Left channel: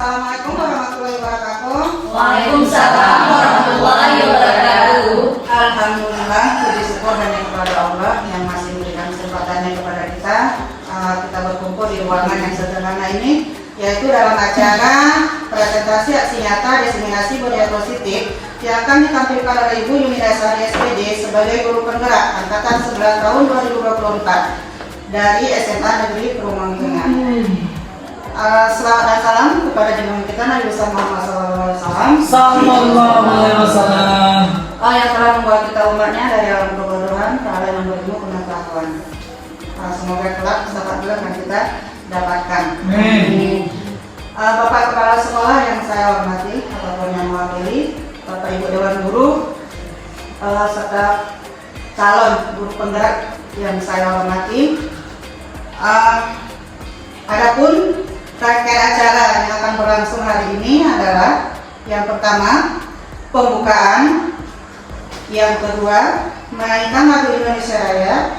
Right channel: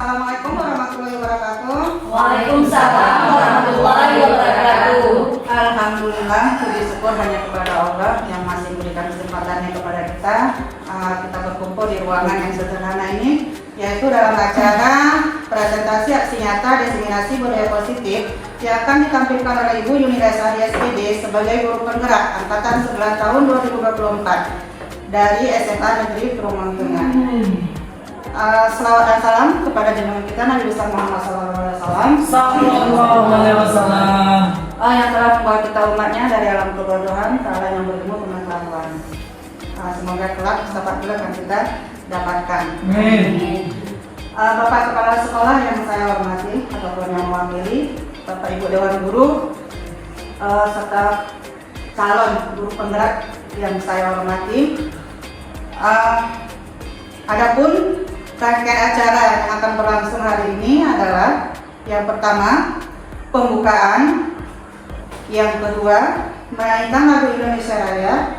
Assalamualaikum warahmatullahi wabarakatuh. Waalaikumsalam warahmatullahi wabarakatuh. Alhamdulillah, puji syukur hanya kepada Allah yang masih memberikan kesempatannya kepada kita. Kita berkumpul di ruangan yang sederhana ini, yaitu dalam acara presentasi aksi nyata diseminasi budaya positif yang akan ditampilkan oleh Ibu Yuni Dasari SPD sebagai guru penggerak angkatan 11 tahun 2024 dari SMA Negeri Kerumang Tengah. Selawat dan salam kepada junjungan kita Nabi besar Muhammad Sallallahu yang telah membawa kita umatnya dari alam kebodohan ke alam yang berilmu pengetahuan. Semoga kelak dapat beliau yang kita dapatkan. Bapak Kepala Sekolah yang saya hormati ataupun yang mewakili, Bapak Ibu Dewan Guru, serta calon guru penggerak yang saya hormati. Adapun rangkaian acara yang akan berlangsung hari ini adalah yang pertama pembukaan, yang kedua menaikkan lagu Indonesia Raya,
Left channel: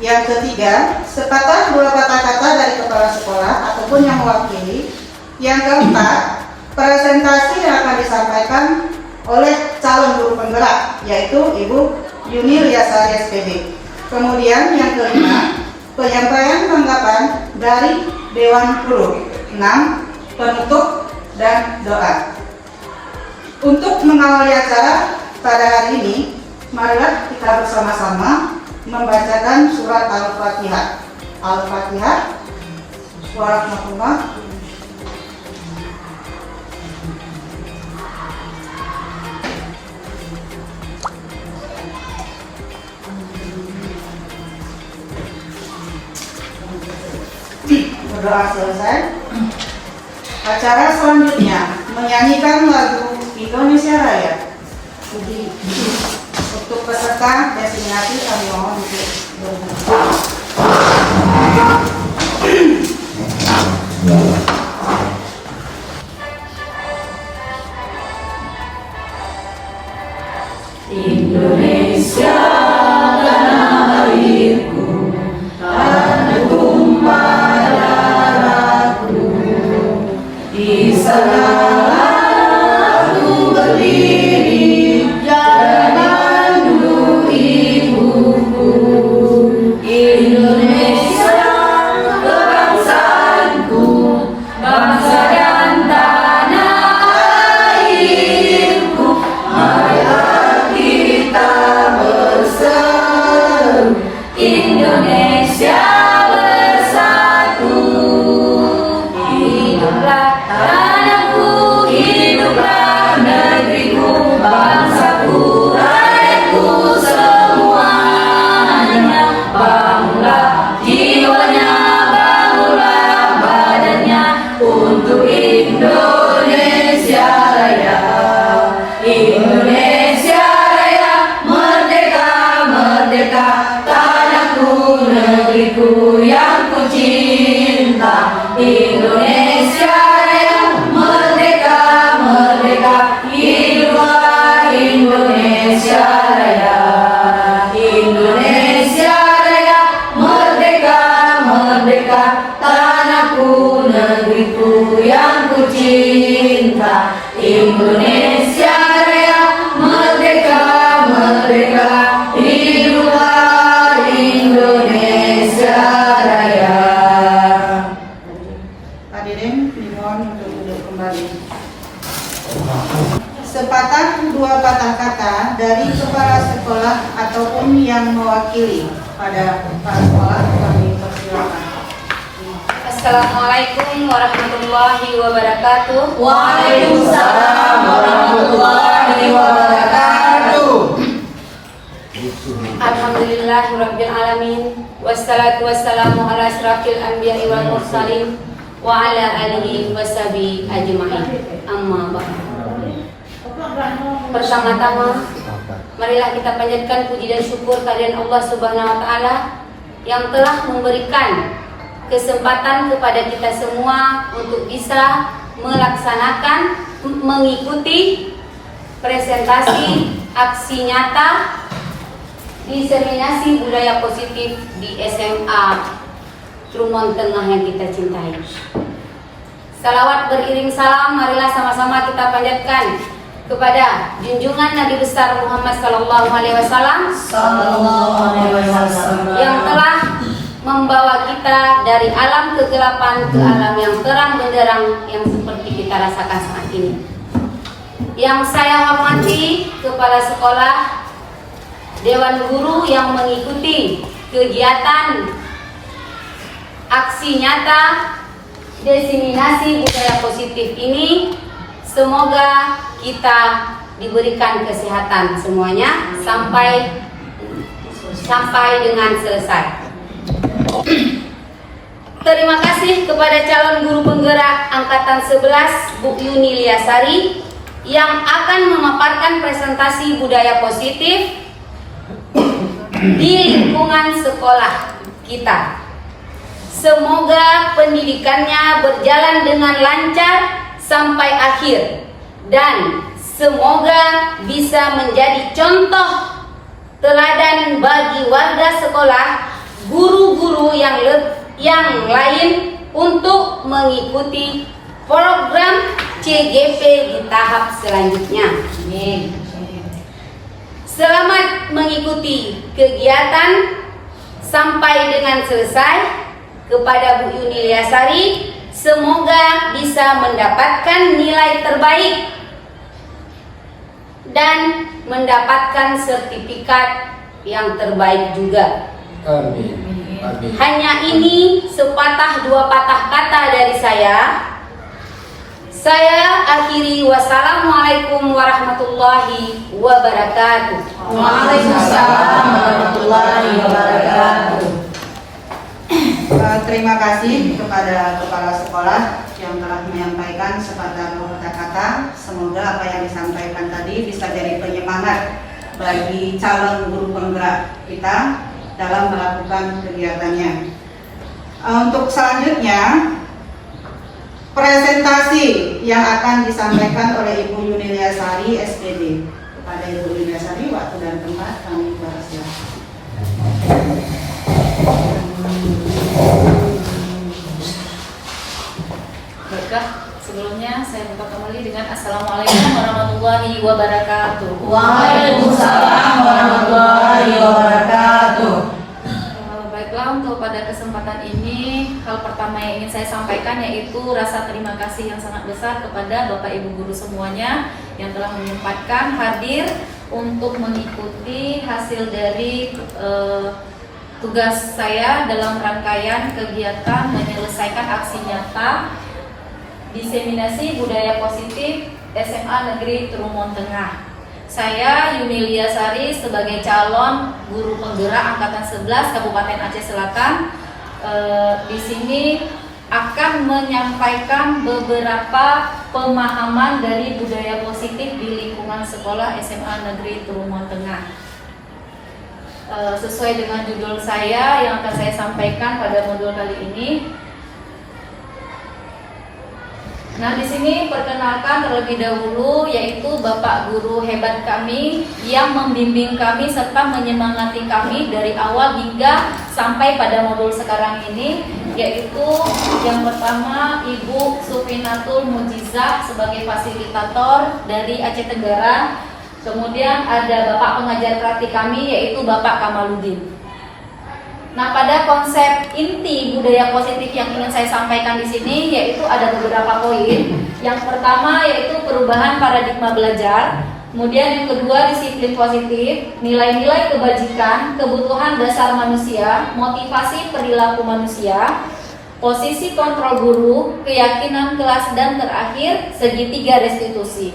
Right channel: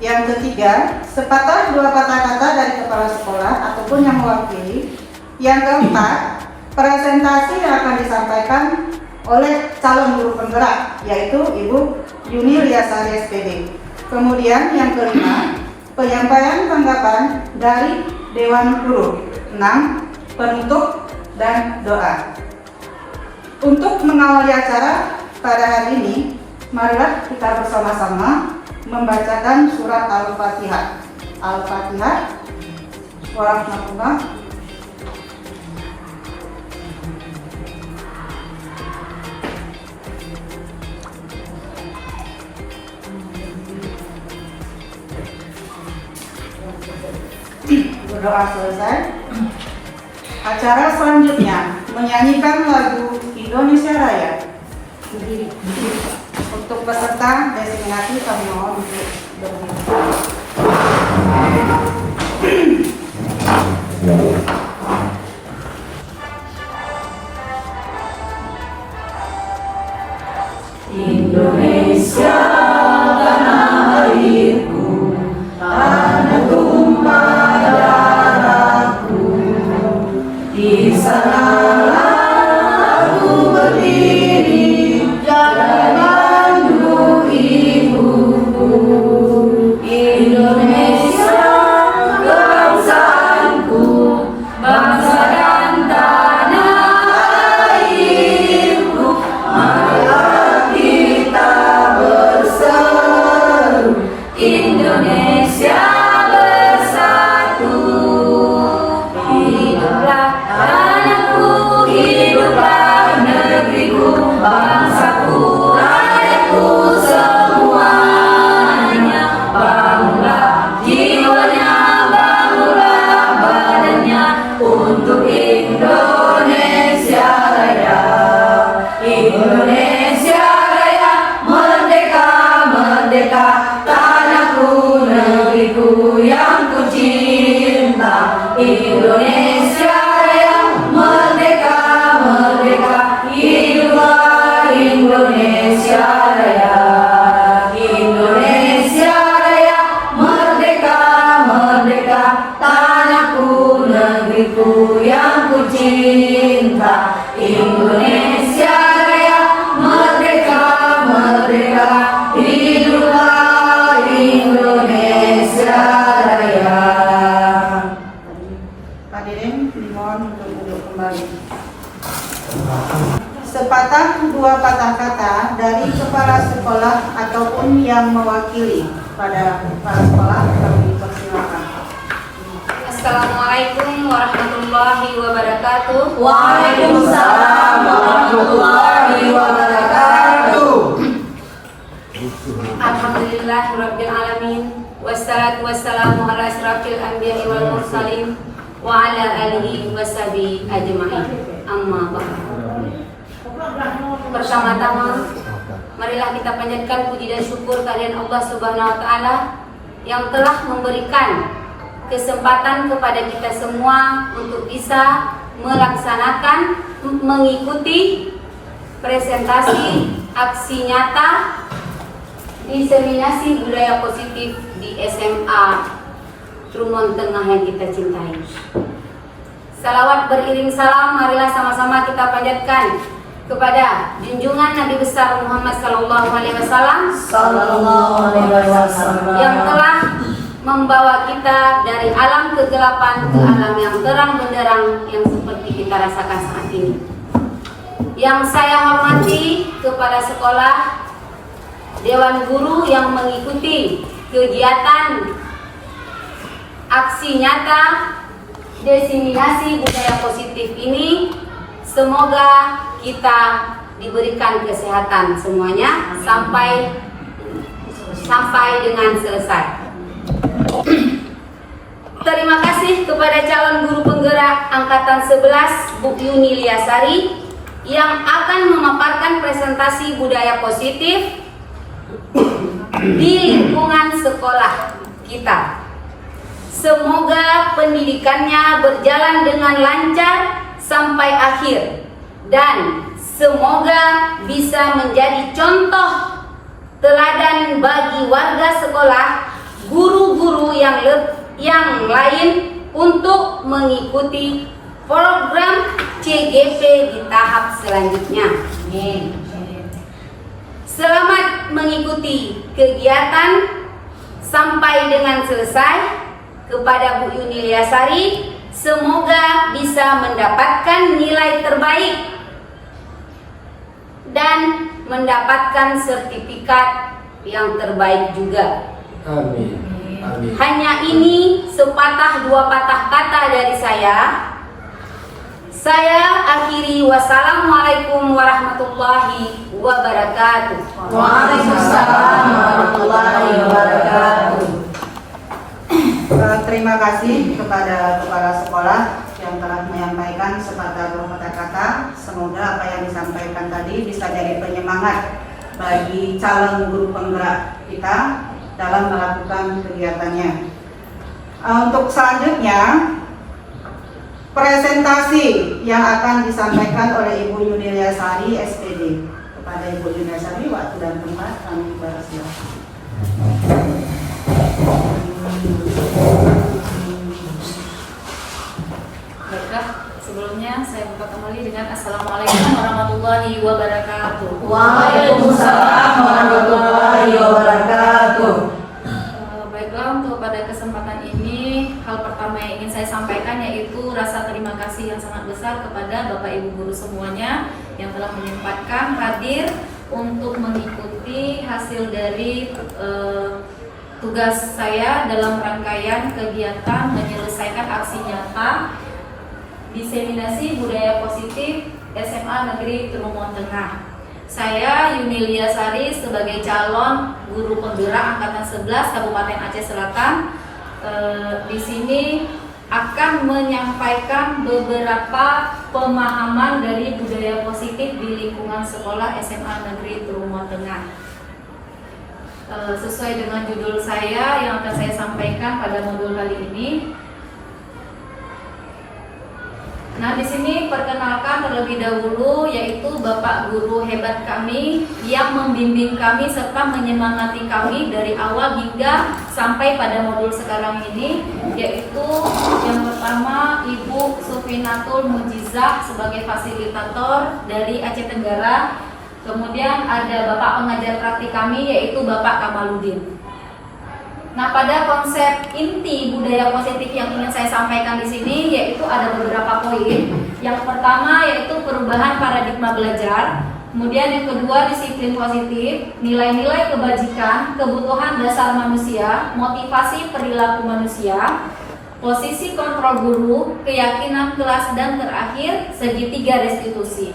yang ketiga sepatah dua patah kata dari kepala sekolah ataupun yang mewakili, yang keempat presentasi yang akan disampaikan oleh calon guru penggerak yaitu Ibu Yuni Dasari SPD. Kemudian yang kelima penyampaian tanggapan dari Dewan Guru. 6. Penutup dan doa. Untuk mengawali acara pada hari ini, marilah kita bersama-sama membacakan surat Al-Fatihah. Al-Fatihah. Warahmatullah. Berdoa selesai. Acara selanjutnya menyanyikan lagu Indonesia Raya. Untuk peserta destinasi kami mohon untuk berhenti. Indonesia tanah airku, tanah tumpah darahku, di sanalah aku berdiri dan mandu ibuku. Indonesia kebangsaanku, bangsa dan tanah airku, marilah kita berseru, Indonesia bersatu. Hiduplah tanahku, hiduplah negeriku, bangsaku, rakyatku semuanya. Bangunlah jiwanya, bangunlah badannya untuk Indonesia Raya. Indonesia Raya, merdeka, merdeka, tanahku, negeriku yang ku cinta. Indonesia Raya, merdeka, merdeka, hiduplah Indonesia Raya. Indonesia Raya, merdeka, merdeka, tanahku, negeriku yang ku cinta. Indonesia Raya, merdeka, merdeka, hiduplah Indonesia Raya. Hadirin dimohon untuk duduk kembali. Sepatah dua patah kata dari kepala sekolah ataupun yang mewakili pada kepala sekolah kami persilakan. Assalamualaikum warahmatullahi wabarakatuh. Waalaikumsalam warahmatullahi wabarakatuh. Alhamdulillahirabbil alamin, wassalatu wassalamu ala asrafil anbiya'i wal mursalin wa ala alihi washabihi ajma'in. Amma ba'du. Pertama-tama, marilah kita panjatkan puji dan syukur kehadirat Allah Subhanahu wa taala yang telah memberikan kesempatan kepada kita semua untuk bisa melaksanakan, mengikuti presentasi aksi nyata diseminasi budaya positif di SMA Trumon Tengah yang kita cintai. Salawat beriring salam, marilah sama-sama kita panjatkan kepada junjungan Nabi besar Muhammad Sallallahu Alaihi Wasallam yang telah membawa kita dari alam kegelapan ke alam yang terang benderang yang seperti kita rasakan saat ini. Yang saya hormati kepala sekolah, Dewan Guru yang mengikuti kegiatan aksi nyata diseminasi budaya positif ini, semoga kita diberikan kesehatan semuanya sampai dengan selesai. Terima kasih kepada calon guru penggerak angkatan 11 Bu Yuni Liasari yang akan memaparkan presentasi budaya positif di lingkungan sekolah kita. Semoga pendidikannya berjalan dengan lancar sampai akhir dan semoga bisa menjadi contoh teladan bagi warga sekolah, guru-guru yang lain untuk mengikuti program CGP di tahap selanjutnya. Selamat mengikuti kegiatan sampai dengan selesai. Kepada Bu Yuni Liasari, semoga bisa mendapatkan nilai terbaik dan mendapatkan sertifikat yang terbaik juga. Amin. Hanya ini sepatah dua patah kata dari saya. Saya akhiri, wassalamualaikum warahmatullahi wabarakatuh. Waalaikumsalam warahmatullahi wabarakatuh. Terima kasih kepada kepala sekolah yang telah menyampaikan sepatah dua kata-kata. Semoga apa yang disampaikan tadi bisa jadi penyemangat bagi calon guru penggerak kita dalam melakukan kegiatannya. Untuk selanjutnya, presentasi yang akan disampaikan oleh Ibu Yuni Liasari SPD. Kepada Ibu Yuni Liasari, waktu dan tempat kami persilakan. Baiklah, sebelumnya saya buka kembali dengan Assalamualaikum warahmatullahi wabarakatuh. Waalaikumsalam warahmatullahi wabarakatuh. Baiklah, untuk pada kesempatan ini, hal pertama yang ingin saya sampaikan yaitu rasa terima kasih yang sangat besar kepada Bapak Ibu guru semuanya yang telah menyempatkan hadir untuk mengikuti hasil dari tugas saya dalam rangkaian kegiatan menyelesaikan aksi nyata diseminasi budaya positif SMA Negeri Trumon Tengah. Saya Yuni Liasari sebagai calon guru penggerak angkatan 11 Kabupaten Aceh Selatan di sini akan menyampaikan beberapa pemahaman dari budaya positif di lingkungan sekolah SMA Negeri Trumon Tengah. Sesuai dengan judul saya yang akan saya sampaikan pada modul kali ini. Nah, di sini perkenalkan terlebih dahulu yaitu Bapak guru hebat kami yang membimbing kami serta menyemangati kami dari awal hingga sampai pada modul sekarang ini, yaitu yang pertama Ibu Sufinatul Mujizah sebagai fasilitator dari Aceh Tenggara. Kemudian ada Bapak pengajar praktik kami yaitu Bapak Kamaludin. Nah, pada konsep inti budaya positif yang ingin saya sampaikan di sini yaitu ada beberapa poin. Yang pertama yaitu perubahan paradigma belajar. Kemudian yang kedua disiplin positif, nilai-nilai kebajikan, kebutuhan dasar manusia, motivasi perilaku manusia, posisi kontrol guru, keyakinan kelas, dan terakhir segitiga restitusi.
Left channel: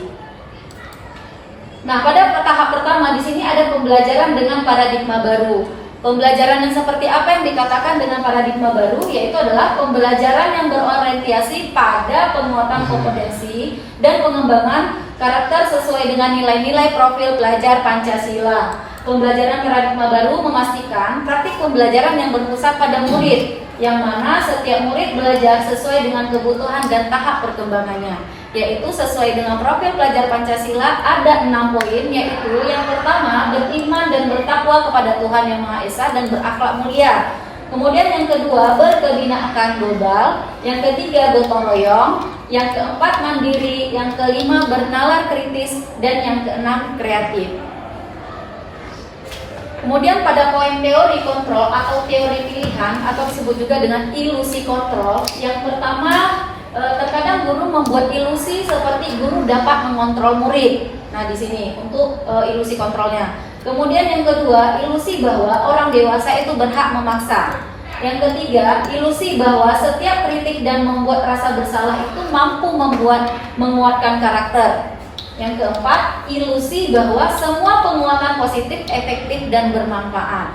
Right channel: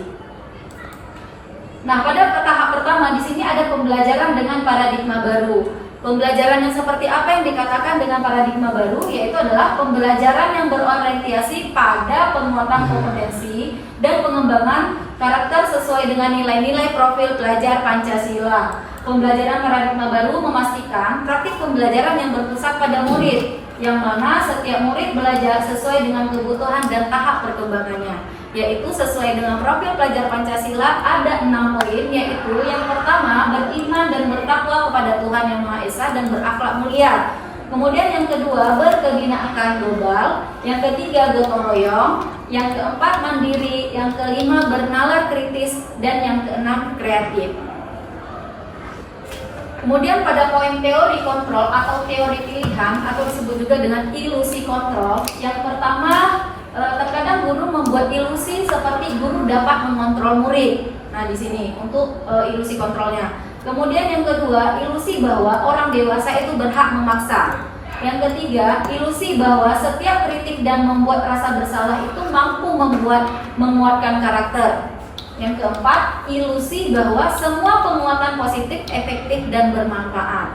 Nah, pada tahap pertama di sini ada pembelajaran dengan paradigma baru. Pembelajaran yang seperti apa yang dikatakan dengan paradigma baru, yaitu adalah pembelajaran yang berorientasi pada penguatan kompetensi dan pengembangan karakter sesuai dengan nilai-nilai profil pelajar Pancasila. Pembelajaran paradigma baru memastikan praktik pembelajaran yang berpusat pada murid, yang mana setiap murid belajar sesuai dengan kebutuhan dan tahap perkembangannya, yaitu sesuai dengan profil pelajar Pancasila. Ada 6 poin, yaitu yang pertama beriman dan bertakwa kepada Tuhan Yang Maha Esa dan berakhlak mulia. Kemudian yang kedua, berkebinaan global. Yang ketiga, gotong royong. Yang keempat, mandiri. Yang kelima, bernalar kritis. Dan yang keenam, kreatif. Kemudian pada poin teori kontrol atau teori pilihan atau disebut juga dengan ilusi kontrol. Yang pertama, terkadang guru membuat ilusi seperti guru dapat mengontrol murid. Nah, di sini untuk ilusi kontrolnya. Kemudian yang kedua, ilusi bahwa orang dewasa itu berhak memaksa. Yang ketiga, ilusi bahwa setiap kritik dan membuat rasa bersalah itu mampu menguatkan karakter. Yang keempat, ilusi bahwa semua penguatan positif, efektif, dan bermanfaat.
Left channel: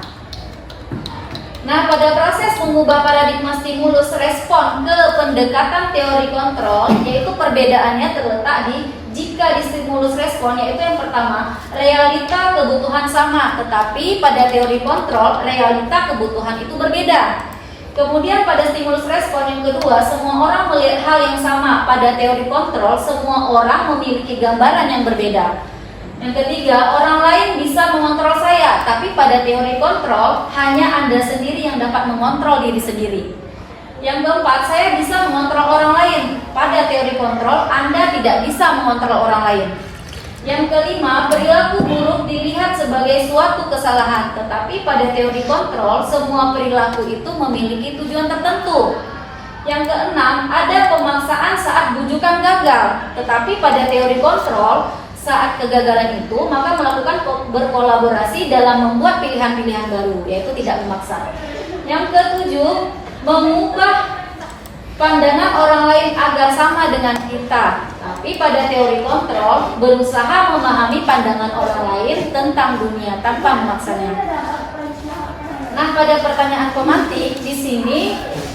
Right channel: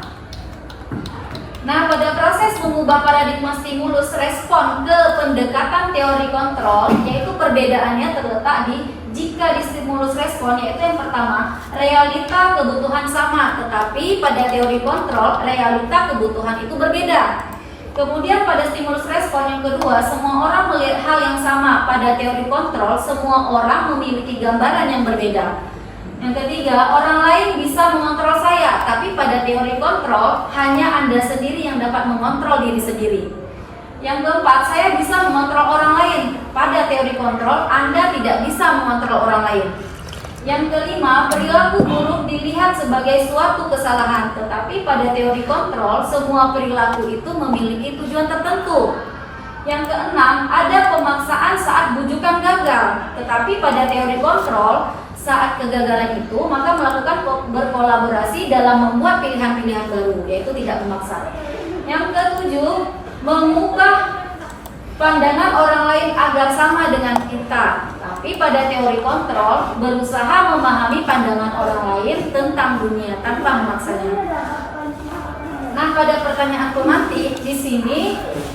Nah, pada proses mengubah paradigma stimulus respon ke pendekatan teori kontrol, yaitu perbedaannya terletak di jika di stimulus respon, yaitu yang pertama, realita kebutuhan sama, tetapi pada teori kontrol, realita kebutuhan itu berbeda. Kemudian pada stimulus respon yang kedua, semua orang melihat hal yang sama. Pada teori kontrol, semua orang memiliki gambaran yang berbeda. Yang ketiga, orang lain bisa mengontrol saya, tapi pada teori kontrol, hanya Anda sendiri yang dapat mengontrol diri sendiri. Yang keempat, saya bisa mengontrol orang lain. Pada teori kontrol, Anda tidak bisa mengontrol orang lain. Yang kelima, perilaku buruk dilihat sebagai suatu kesalahan, tetapi pada teori kontrol, semua perilaku itu memiliki tujuan tertentu. Yang keenam, ada pemaksaan saat bujukan gagal, tetapi pada teori kontrol, saat kegagalan itu, maka melakukan berkolaborasi dalam membuat pilihan-pilihan baru, yaitu tidak memaksa. Yang ketujuh, mengubah pandangan orang lain agar sama dengan kita. Tapi pada teori kontrol, berusaha memahami pandangan orang lain tentang dunia tanpa memaksanya. Nah, pada pertanyaan pemantik di sini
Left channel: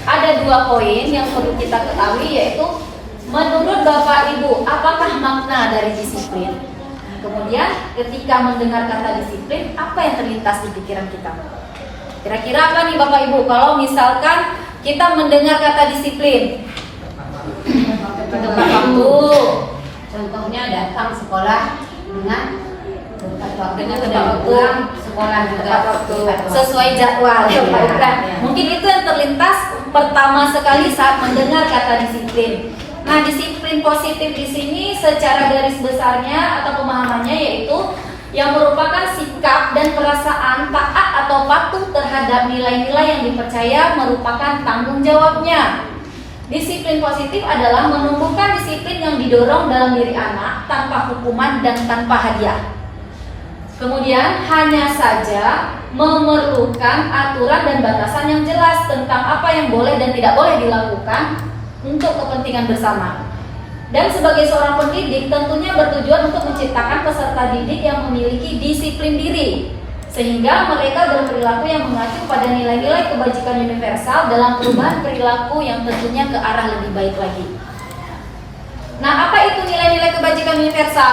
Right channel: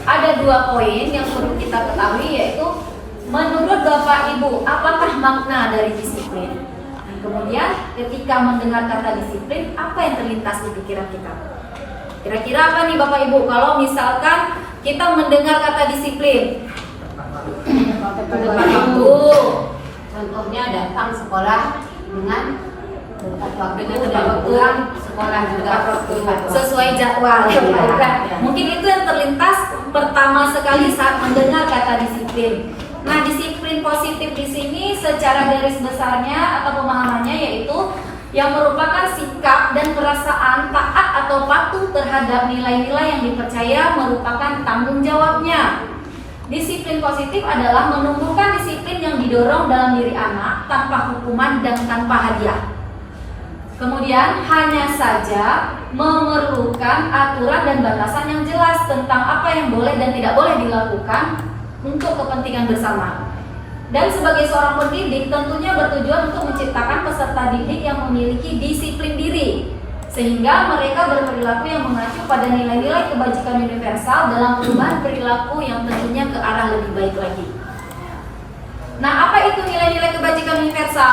ada 2 poin yang perlu kita ketahui, yaitu menurut Bapak Ibu, apakah makna dari disiplin? Kemudian ketika mendengar kata disiplin, apa yang terlintas di pikiran kita? Kira-kira apa nih Bapak Ibu kalau misalkan kita mendengar kata disiplin? Tepat waktu. Contohnya datang sekolah dengan tepat waktu, pulang sekolah juga Sesuai jadwal. Mungkin itu yang terlintas pertama sekali saat mendengar kata disiplin. Nah, disiplin positif di sini secara garis besarnya atau pemahamannya yaitu yang merupakan sikap dan perasaan taat atau patuh terhadap nilai-nilai yang dipercaya merupakan tanggung jawabnya. Disiplin positif adalah menumbuhkan disiplin yang didorong dalam diri anak tanpa hukuman dan tanpa hadiah. Kemudian hanya saja memerlukan aturan dan batasan yang jelas tentang apa yang boleh dan tidak boleh dilakukan untuk kepentingan bersama. Dan sebagai seorang pendidik tentunya bertujuan untuk menciptakan peserta didik yang memiliki disiplin diri, sehingga mereka berperilaku yang mengacu pada nilai-nilai kebajikan universal dalam perubahan perilaku yang tentunya ke arah lebih baik lagi. Nah, apa itu nilai-nilai kebajikan universal?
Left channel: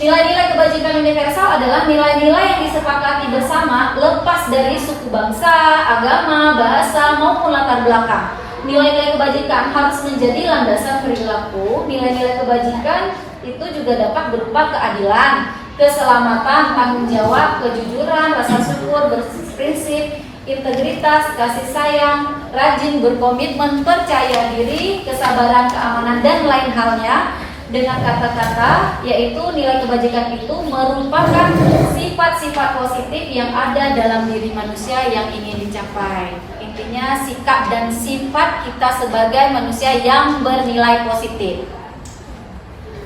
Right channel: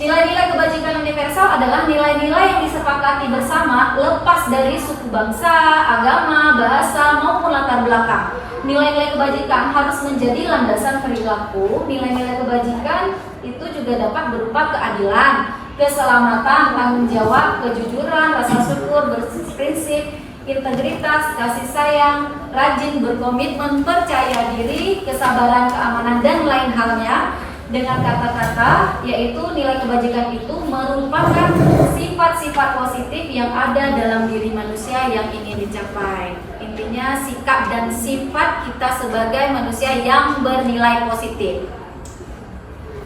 Nilai-nilai kebajikan universal adalah nilai-nilai yang disepakati bersama lepas dari suku bangsa, agama, bahasa, maupun latar belakang. Nilai-nilai kebajikan harus menjadi landasan perilaku. Nilai-nilai kebajikan itu juga dapat berupa keadilan, keselamatan, tanggung jawab, kejujuran, rasa syukur, berprinsip, integritas, kasih sayang, rajin, berkomitmen, percaya diri, kesabaran, keamanan, dan lain halnya. Dengan kata-kata, yaitu nilai kebajikan itu merupakan sifat-sifat positif yang ada dalam diri manusia yang ingin dicapai. Intinya sikap dan sifat kita sebagai manusia yang bernilai positif.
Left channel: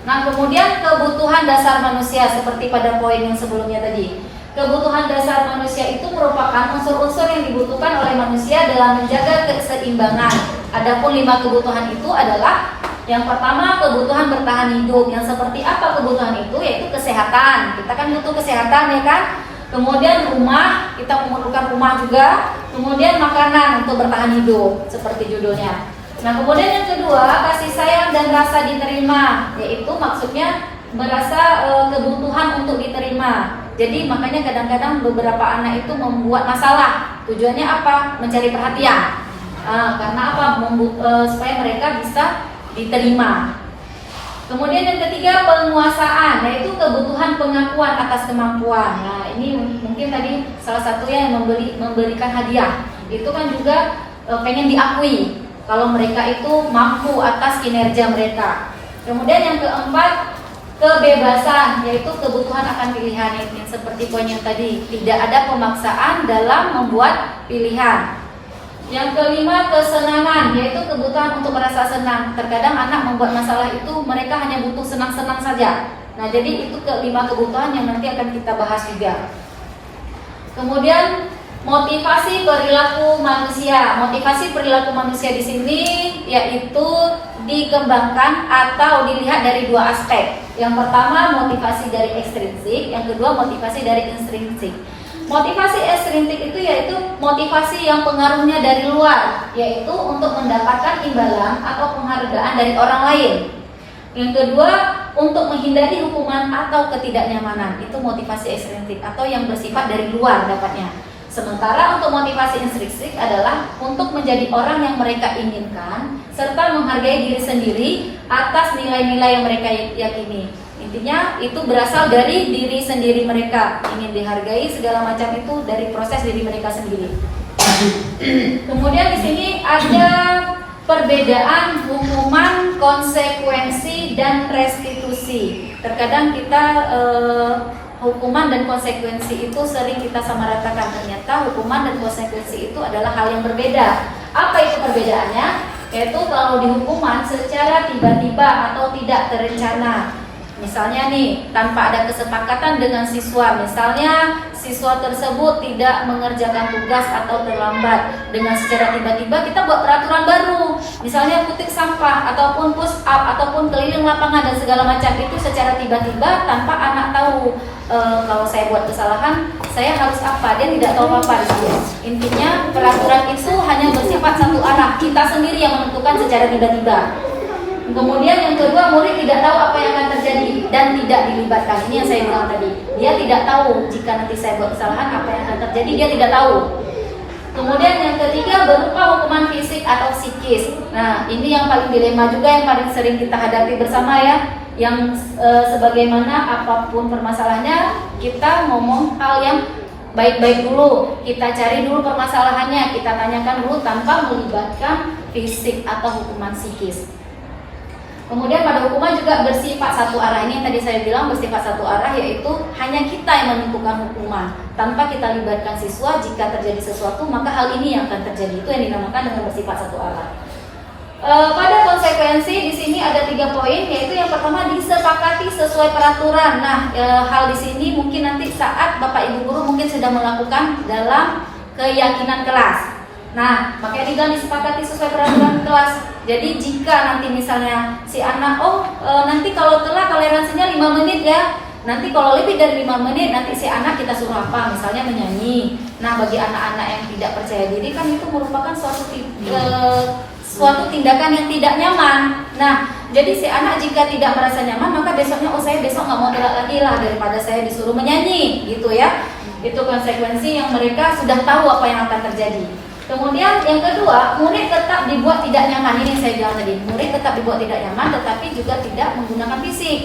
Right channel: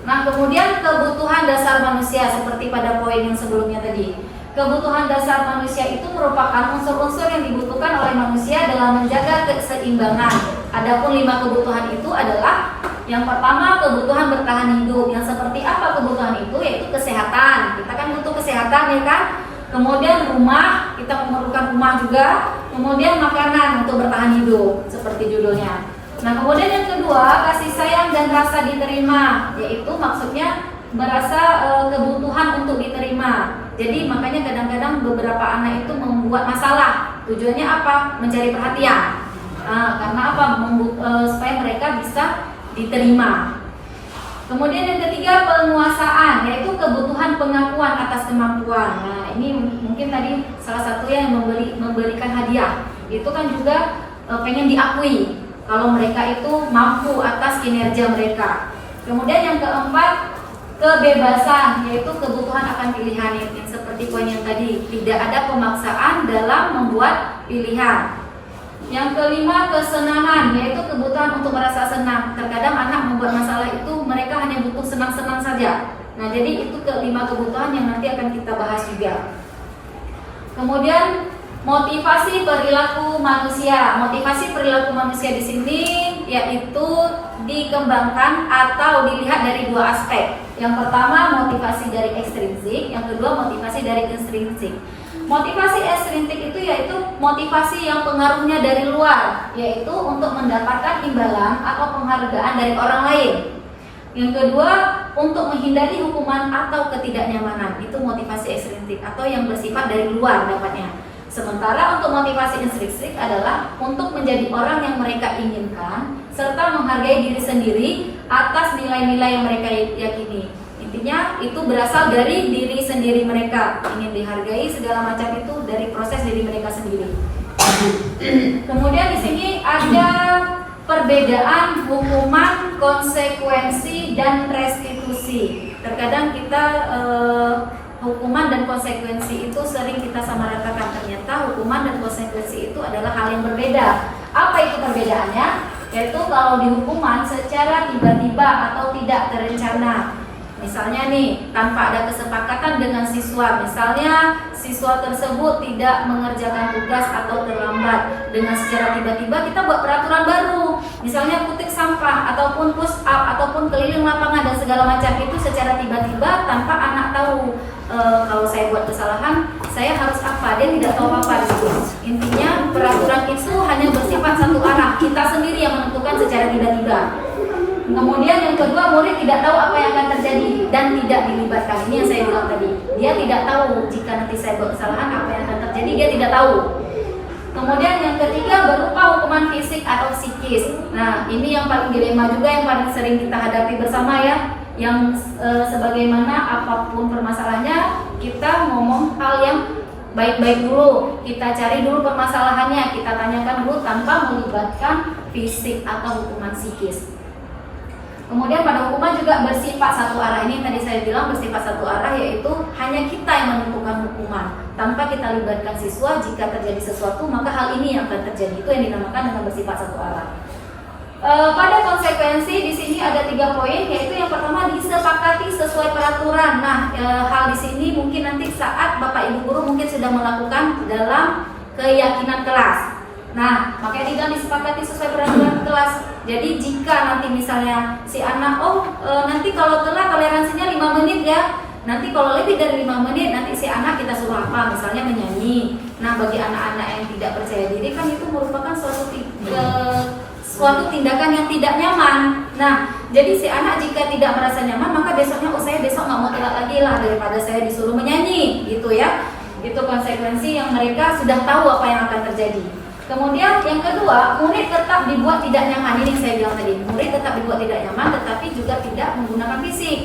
Nah, kemudian kebutuhan dasar manusia seperti pada poin yang sebelumnya tadi. Kebutuhan dasar manusia itu merupakan unsur-unsur yang dibutuhkan oleh manusia dalam menjaga keseimbangan. Adapun 5 kebutuhan itu adalah yang pertama, kebutuhan bertahan hidup. Yang seperti apa kebutuhan itu? Yaitu kesehatan. Kita kan butuh kesehatan, ya kan? Kemudian rumah, kita memerlukan rumah juga. Kemudian makanan untuk bertahan hidup, seperti judulnya. Nah, kemudian yang kedua, kasih sayang dan rasa diterima, yaitu maksudnya merasa kebutuhan untuk diterima. Jadi makanya kadang-kadang beberapa anak itu membuat masalah. Tujuannya apa? Mencari perhatian. Karena apa? Supaya mereka bisa diterima. Kemudian yang ketiga, penguasaan, yaitu kebutuhan pengakuan atas kemampuan. Nah, ini mungkin tadi salah satunya yang memberikan hadiah. Itu kan juga pengen diakui kalau mereka itu mampu atas kinerja mereka. Kemudian yang keempat, kebebasan, yaitu kebutuhan akan pilihan, yang seperti poin yang tadi, tidak ada pemaksaan dalam membuat pilihan. Yang kelima, kesenangan, yaitu kebutuhan untuk merasa senang. Terkadang anak membuat masalah itu mereka hanya butuh senang-senang saja. Nah, jadi itu kelima kebutuhan yang nanti akan kita bahas juga. Kemudian motivasi perilaku manusia. Motivasi perilaku manusia di sini yaitu dikembangkan atau dilihat dari dua aspek. Yang pertama motivasi dari ekstrinsik, yang kedua motivasi dari intrinsik. Motivasi ekstrinsik itu yaitu motivasi yang pengaruhnya dari luar, yaitu untuk mendapatkan imbalan atau penghargaan dari orang lain. Yang kedua, untuk menghindari hukuman atau ketidaknyamanan, itu motivasi ekstrinsik atau yang bersifat dari luar dapatnya. Sementara untuk motivasi intrinsik adalah untuk menjadi orang yang mereka inginkan serta menghargai diri sendiri atas nilai-nilai yang mereka yakini. Intinya itu berasal dari diri sendiri mereka, ingin dihargai segala macam itu dari proses diri mereka sendiri. Kemudian di sini ada perbedaan hukuman, konsekuensi, dan restitusi. Terkadang kita hukuman dan konsekuensi itu sering kita samaratakan. Ternyata hukuman dan konsekuensi itu adalah hal yang berbeda. Apa itu perbedaannya? Yaitu kalau di hukuman secara tiba-tiba atau tidak terencana. Misalnya nih, tanpa ada kesepakatan dengan siswa, misalnya siswa tersebut tidak mengerjakan tugas atau terlambat, dengan secara tiba-tiba kita buat peraturan baru, misalnya putih sampah ataupun push up ataupun keliling lapangan dan segala macam itu secara tiba-tiba tanpa anak tahu. Kalau saya buat kesalahan, saya harus apa? Dia tidak tahu apa-apa gitu. Intinya peraturan itu hanya bersifat satu arah, kita sendiri yang menentukan secara tiba-tiba. Kemudian yang kedua, murid tidak tahu apa yang akan terjadi dan tidak dilibatkan. Ini yang saya bilang tadi. Dia tidak tahu jika nanti saya buat kesalahan apa yang akan terjadi, dia tidak tahu. Kemudian yang ketiga, berupa hukuman fisik atau psikis. Nah, ini yang paling dilema juga, yang paling sering kita hadapi bersama ya. Yang sebagaimana apapun permasalahannya, kita ngomong hal yang baik-baik dulu. Kita cari dulu permasalahannya, kita tanyakan dulu tanpa melibatkan fisik atau hukuman psikis. Kemudian pada hukuman juga bersifat satu arah. Ini yang tadi saya bilang bersifat satu arah, yaitu hanya kita yang menentukan hukuman tanpa kita libatkan siswa. Jika terjadi sesuatu maka hal ini yang akan terjadi. Itu yang dinamakan dengan bersifat satu arah. Pada konsekuensi di sini ada 3 poin, yaitu yang pertama disepakati sesuai peraturan. Nah, hal di sini mungkin nanti saat Bapak Ibu guru mungkin sedang melakukan dalam keyakinan kelas. Nah, makanya dibilang disepakati sesuai peraturan kelas. Jadi jika nanti misalnya si anak, nanti kalau telat toleransinya 5 menit ya. Nanti kalau lebih dari 5 menit nanti si anak kita suruh apa? Misalnya menyanyi. Nah, bagi anak-anak yang tidak percaya diri kan itu merupakan suatu tindakan yang tidak nyaman. Nah, jadi si anak jika tidak merasa nyaman maka besoknya saya besok nggak mau telat lagi lah daripada saya disuruh menyanyi gitu ya. Itu konsekuensi yang mereka sudah tahu apa yang akan terjadi. Kemudian yang kedua, murid tetap dibuat tidak nyaman. Ini yang saya bilang tadi, murid tetap dibuat tidak nyaman tetapi juga tidak menggunakan fisik.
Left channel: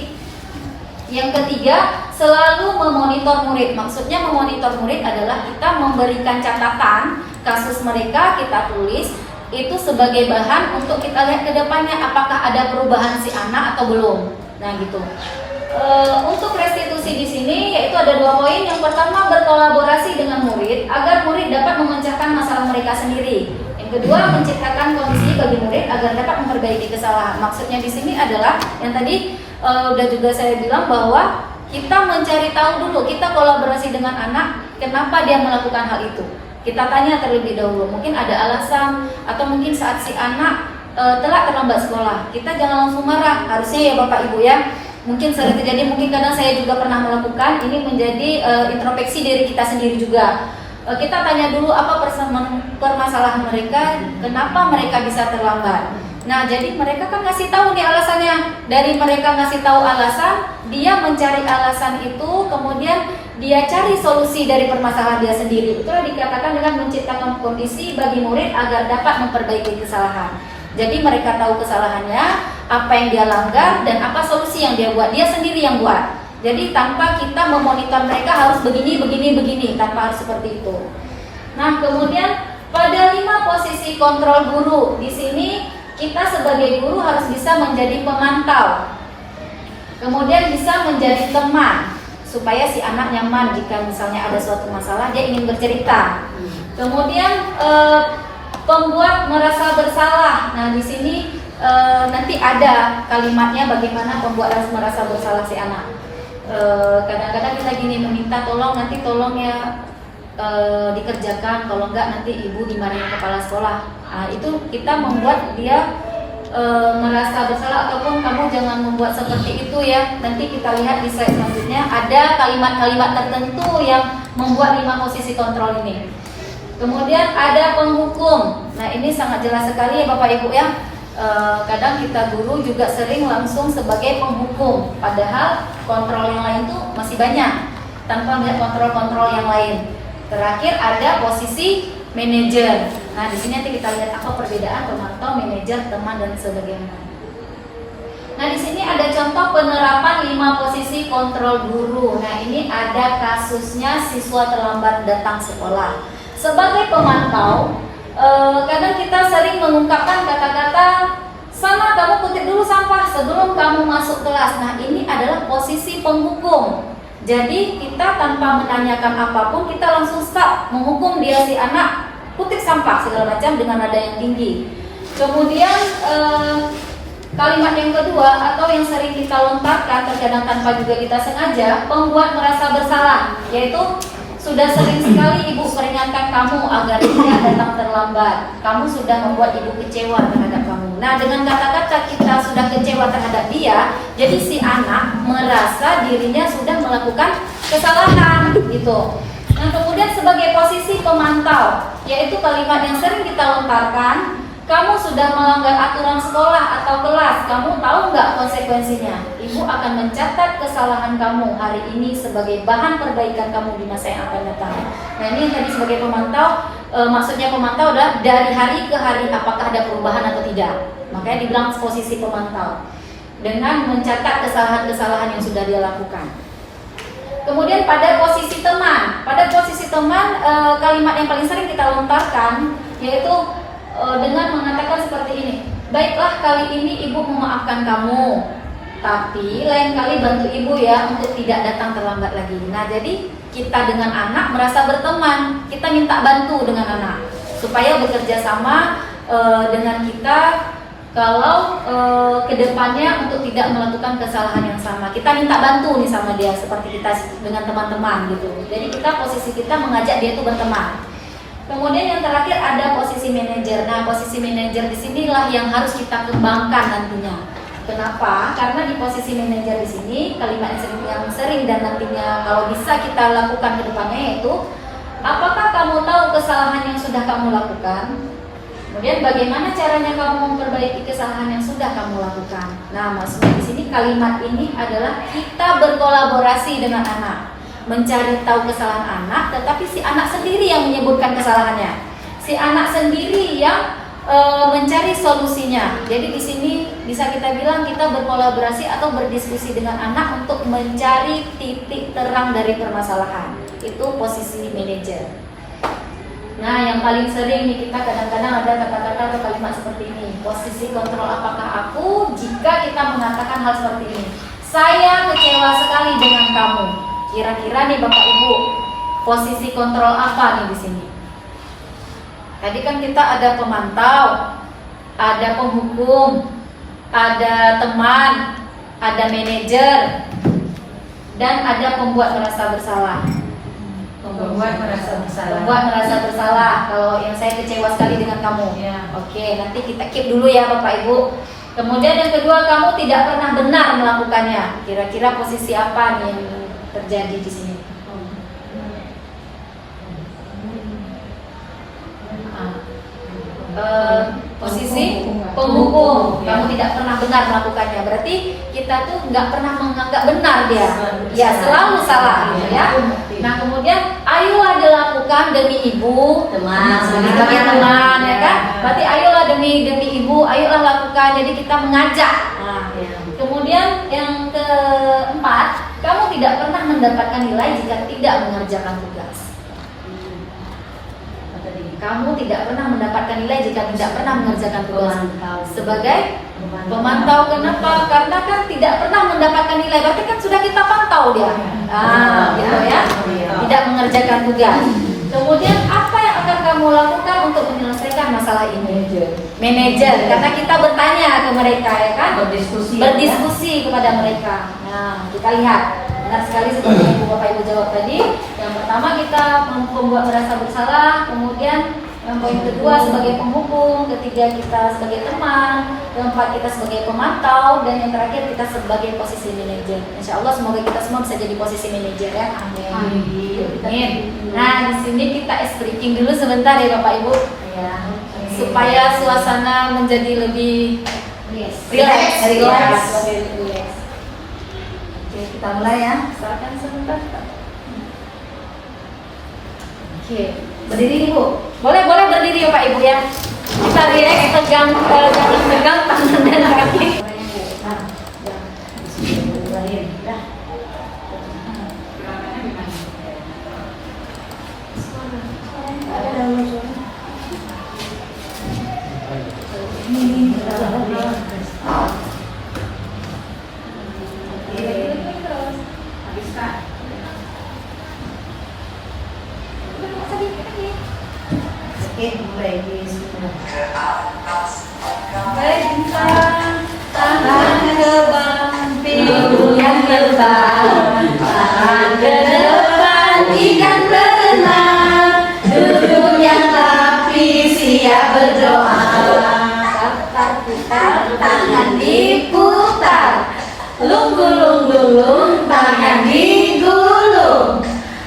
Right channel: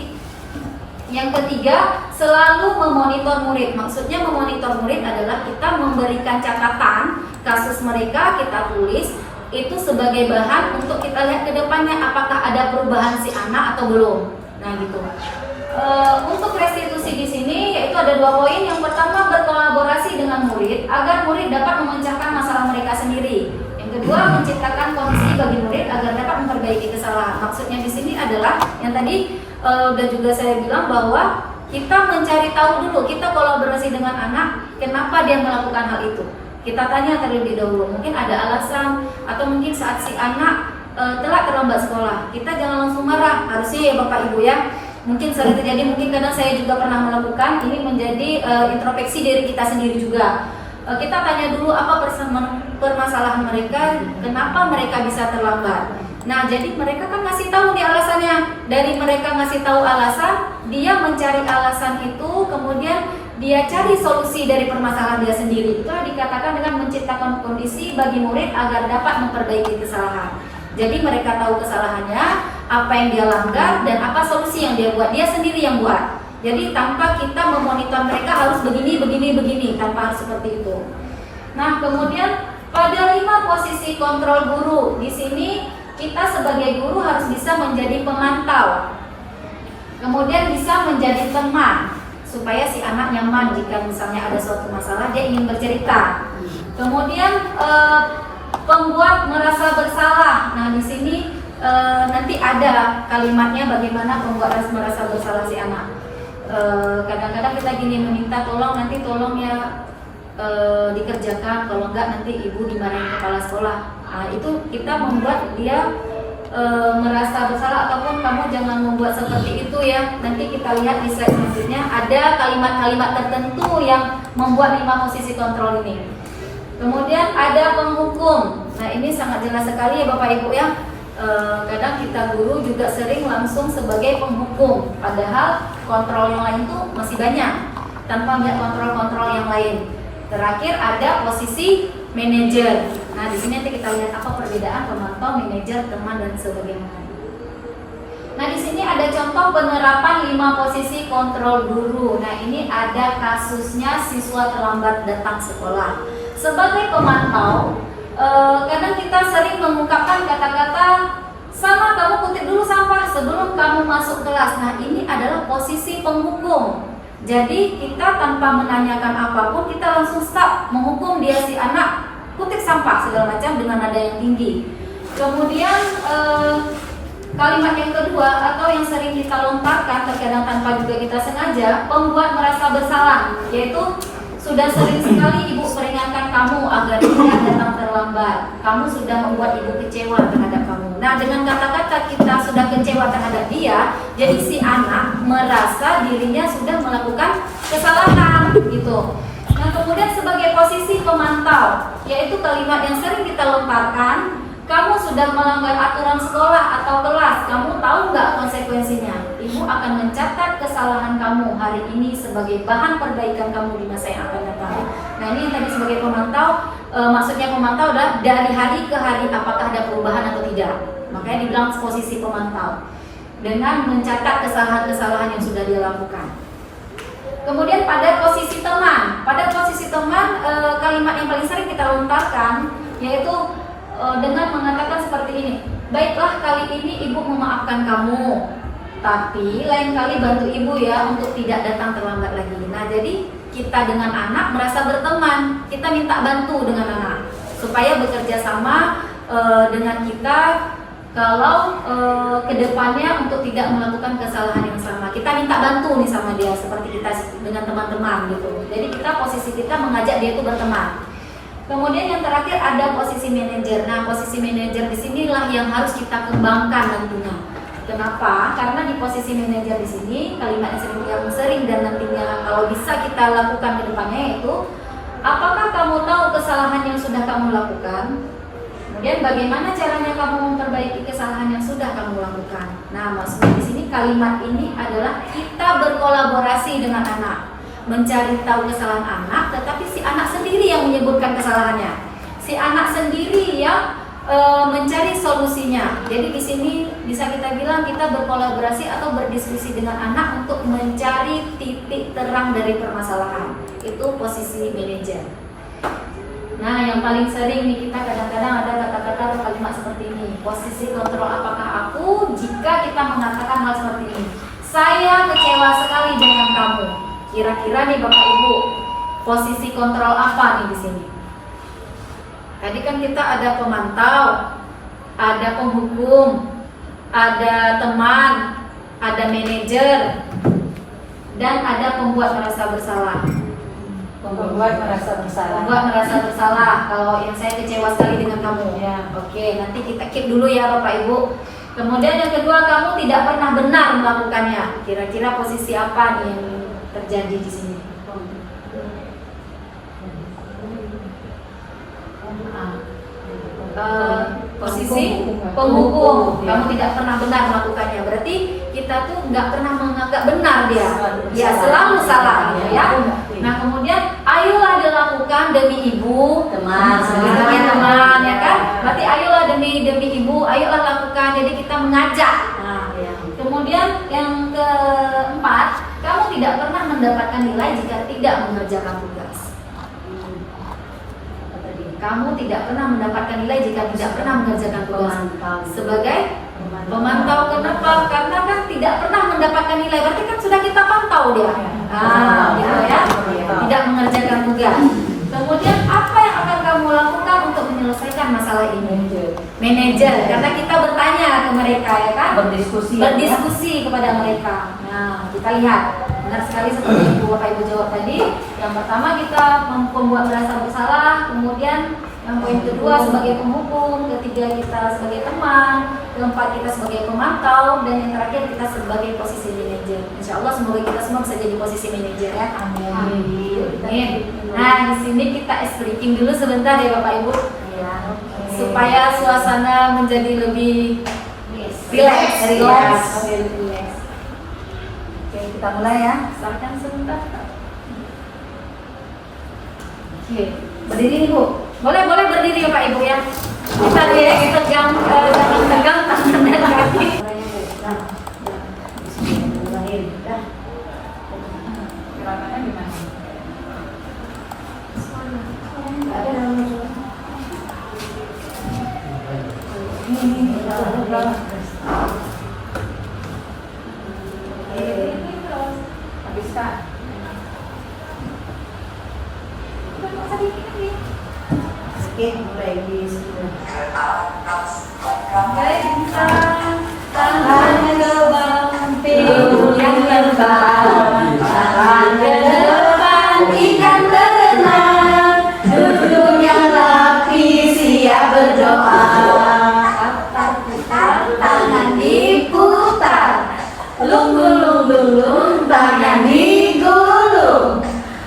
Yang ketiga, selalu memonitor murid. Maksudnya memonitor murid adalah kita memberikan catatan kasus mereka, kita tulis itu sebagai bahan untuk kita lihat ke depannya apakah ada perubahan si anak atau belum. Nah gitu. Untuk restitusi di sini yaitu ada 2 poin. Yang pertama, berkolaborasi dengan murid agar murid dapat memecahkan masalah mereka sendiri. Yang kedua, menciptakan kondisi bagi murid agar dapat memperbaiki kesalahan. Maksudnya di sini adalah yang tadi udah juga saya bilang bahwa kita mencari tahu dulu, kita kolaborasi dengan anak, kenapa dia melakukan hal itu. Kita tanya terlebih dahulu, mungkin ada alasan atau mungkin saat si anak telat terlambat sekolah. Kita jangan langsung marah, harusnya ya Bapak Ibu ya. Mungkin sering terjadi, mungkin kadang saya juga pernah melakukan, ini menjadi introspeksi diri kita sendiri juga. Kita tanya dulu apa permasalahan mereka, kenapa mereka bisa terlambat. Nah, jadi mereka kan ngasih tahu nih alasannya. Dari mereka ngasih tahu alasan, dia mencari alasan itu, kemudian dia cari solusi dari permasalahan dia sendiri. Itulah dikatakan dengan menciptakan kondisi bagi murid agar dapat memperbaiki kesalahan. Jadi mereka tahu kesalahannya, apa yang dia langgar, dan apa solusi yang dia buat. Dia sendiri yang buat. Jadi tanpa kita memonitor mereka harus begini, tanpa harus seperti itu. Nah, kemudian Pada 5 posisi kontrol guru, di sini kita sebagai guru harus bisa menjadi pemantau, kemudian bisa menjadi teman supaya si anak nyaman jika misalnya ada suatu masalah dia ingin bercerita. Kemudian pembuat merasa bersalah. Nah di sini nanti ada kalimatnya bagaimana pembuat merasa bersalah si anak. Kadang-kadang kita gini meminta tolong ya dikerjakan, kalau enggak nanti ibu dimarahin kepala sekolah. Nah, itu kita membuat dia merasa bersalah, ataupun kamu jangan membuat seperti itu ya. Nanti kita lihat di slide selanjutnya ada kalimat-kalimat tertentu yang membuat 5 posisi kontrol ini. Kemudian ada penghukum. Nah ini sangat jelas sekali ya Bapak Ibu ya. Kadang kita guru juga sering langsung sebagai penghukum, padahal kontrol yang lain tuh masih banyak tanpa melihat kontrol-kontrol yang lain. Terakhir ada posisi manajer. Nah, di sini nanti kita lihat apa perbedaan pemantau, manajer, teman dan sebagainya. Nah, di sini ada contoh penerapan 5 posisi kontrol guru. Nah, ini ada kasusnya siswa terlambat datang sekolah. Sebagai pemantau, kadang kita sering mengungkapkan kata-kata, "Sama, kamu kutip dulu sampah sebelum kamu masuk kelas." Nah, ini adalah posisi penghukum. Jadi kita tanpa menanyakan apapun kita langsung stop menghukum dia si anak kutip sampah segala macam dengan nada yang tinggi. Kemudian kalimat yang kedua atau yang sering kita lontarkan terkadang tanpa juga kita sengaja, pembuat merasa bersalah, yaitu sudah sering sekali ibu peringatkan kamu agar tidak datang terlambat. Kamu sudah membuat ibu kecewa terhadap kamu. Nah, dengan kata-kata kita sudah kecewa terhadap dia, jadi si anak merasa dirinya sudah melakukan kesalahan gitu. Nah, kemudian sebagai posisi pemantau, yaitu kalimat yang sering kita lontarkan, kamu sudah melanggar aturan sekolah atau kelas, kamu tahu nggak konsekuensinya? Ibu akan mencatat kesalahan kamu hari ini sebagai bahan perbaikan kamu di masa yang akan datang. Nah ini tadi sebagai pemantau, maksudnya pemantau adalah dari hari ke hari apakah ada perubahan atau tidak. Makanya dibilang posisi pemantau, dengan mencatat kesalahan-kesalahan yang sudah dia lakukan. Kemudian pada posisi teman, kalimat yang paling sering kita lontarkan yaitu dengan mengatakan seperti ini, "Baiklah, kali ini ibu memaafkan kamu, tapi lain kali bantu ibu ya untuk tidak datang terlambat lagi." Nah jadi kita dengan anak merasa berteman, kita minta bantu dengan anak supaya bekerja sama dengan kita kalau kedepannya untuk tidak melakukan kesalahan yang sama. Kita minta bantu nih sama dia seperti kita dengan teman-teman gitu. Jadi posisi kita mengajak dia itu berteman. Kemudian yang terakhir ada posisi manajer. Nah, posisi manajer di sinilah yang harus kita kembangkan nantinya. Kenapa? Karena di posisi manajer di sini kalimat yang sering dan nantinya kalau bisa kita lakukan ke depannya yaitu, apakah kamu tahu kesalahan yang sudah kamu lakukan? Kemudian bagaimana caranya kamu memperbaiki kesalahan yang sudah kamu lakukan? Nah, maksudnya di sini kalimat ini adalah kita berkolaborasi dengan anak, mencari tahu kesalahan anak, tetapi si anak sendiri yang menyebutkan kesalahannya, si anak sendiri yang mencari solusinya. Jadi di sini bisa kita bilang kita berkolaborasi atau berdiskusi dengan anak untuk mencari titik terang dari permasalahan. Itu posisi manajer. Nah, yang paling sering nih kita kadang-kadang ada kata-kata atau kalimat seperti ini. Posisi kontrol apakah aku jika kita mengatakan hal seperti ini. Saya kecewa sekali dengan kamu. Kira-kira nih Bapak Ibu, posisi kontrol apa nih di sini? Tadi kan kita ada pemantau, ada penghukum, ada teman, ada manajer, dan ada pembuat merasa bersalah. Pembuat merasa bersalah. Pembuat merasa bersalah. Kalau yang saya kecewa sekali dengan kamu. Ya. Oke, nanti kita keep dulu ya Bapak Ibu. Kemudian yang kedua, kamu tidak pernah benar melakukannya. Kira-kira posisi apa nih yang terjadi di sini? Posisi penghukum. Kamu tidak pernah benar melakukannya. Berarti kita tuh nggak pernah menganggap benar dia. Ya, selalu salah ya. Nah, kemudian ayolah dilakukan demi ibu, Teman. sebagai teman ya kan. Berarti ayolah demi ibu, ayolah lakukan. Jadi kita mengajak. Nah, kemudian yang keempat, kamu tidak pernah mendapatkan nilai jika tidak mengerjakan tugas. Kamu tidak pernah mendapatkan nilai jika tidak pernah mengerjakan tugas. Sebagai pemantau, kenapa? Karena kan tidak pernah mendapatkan nilai, berarti kan sudah kita pantau dia. Gitu ya. Tidak mengerjakan tugas. Kemudian apa yang akan kamu lakukan untuk menyelesaikan masalah ini? Manajer, karena kita bertanya ke mereka, ya kan? Berdiskusi kepada mereka. Nah, kita lihat. Benar sekali seperti yang Bapak Ibu jawab tadi. Yang pertama kita membuat merasa bersalah, kemudian yang poin kedua sebagai penghukum, ketiga kita sebagai teman, keempat kita sebagai pemantau, dan yang terakhir kita sebagai posisi manajer. Insya Allah semoga kita semua bisa jadi posisi manajer ya. Amin. Nah di sini kita ice breaking dulu sebentar ya Bapak Ibu, supaya suasana menjadi lebih relax. Oke, kita mulai ya. Silakan sebentar. Oke, berdiri nih Bu. Boleh berdiri ya Pak Ibu ya. Kita lihat tegang tangan dan kaki. Oke, mulai di sini. Bentang tangan gerbang pintu yang terbang, tangan ke depan ikan berenang, duduk yang rapi siap berdoa. Tangan diputar, lung-gulung-gulung tangan digulung,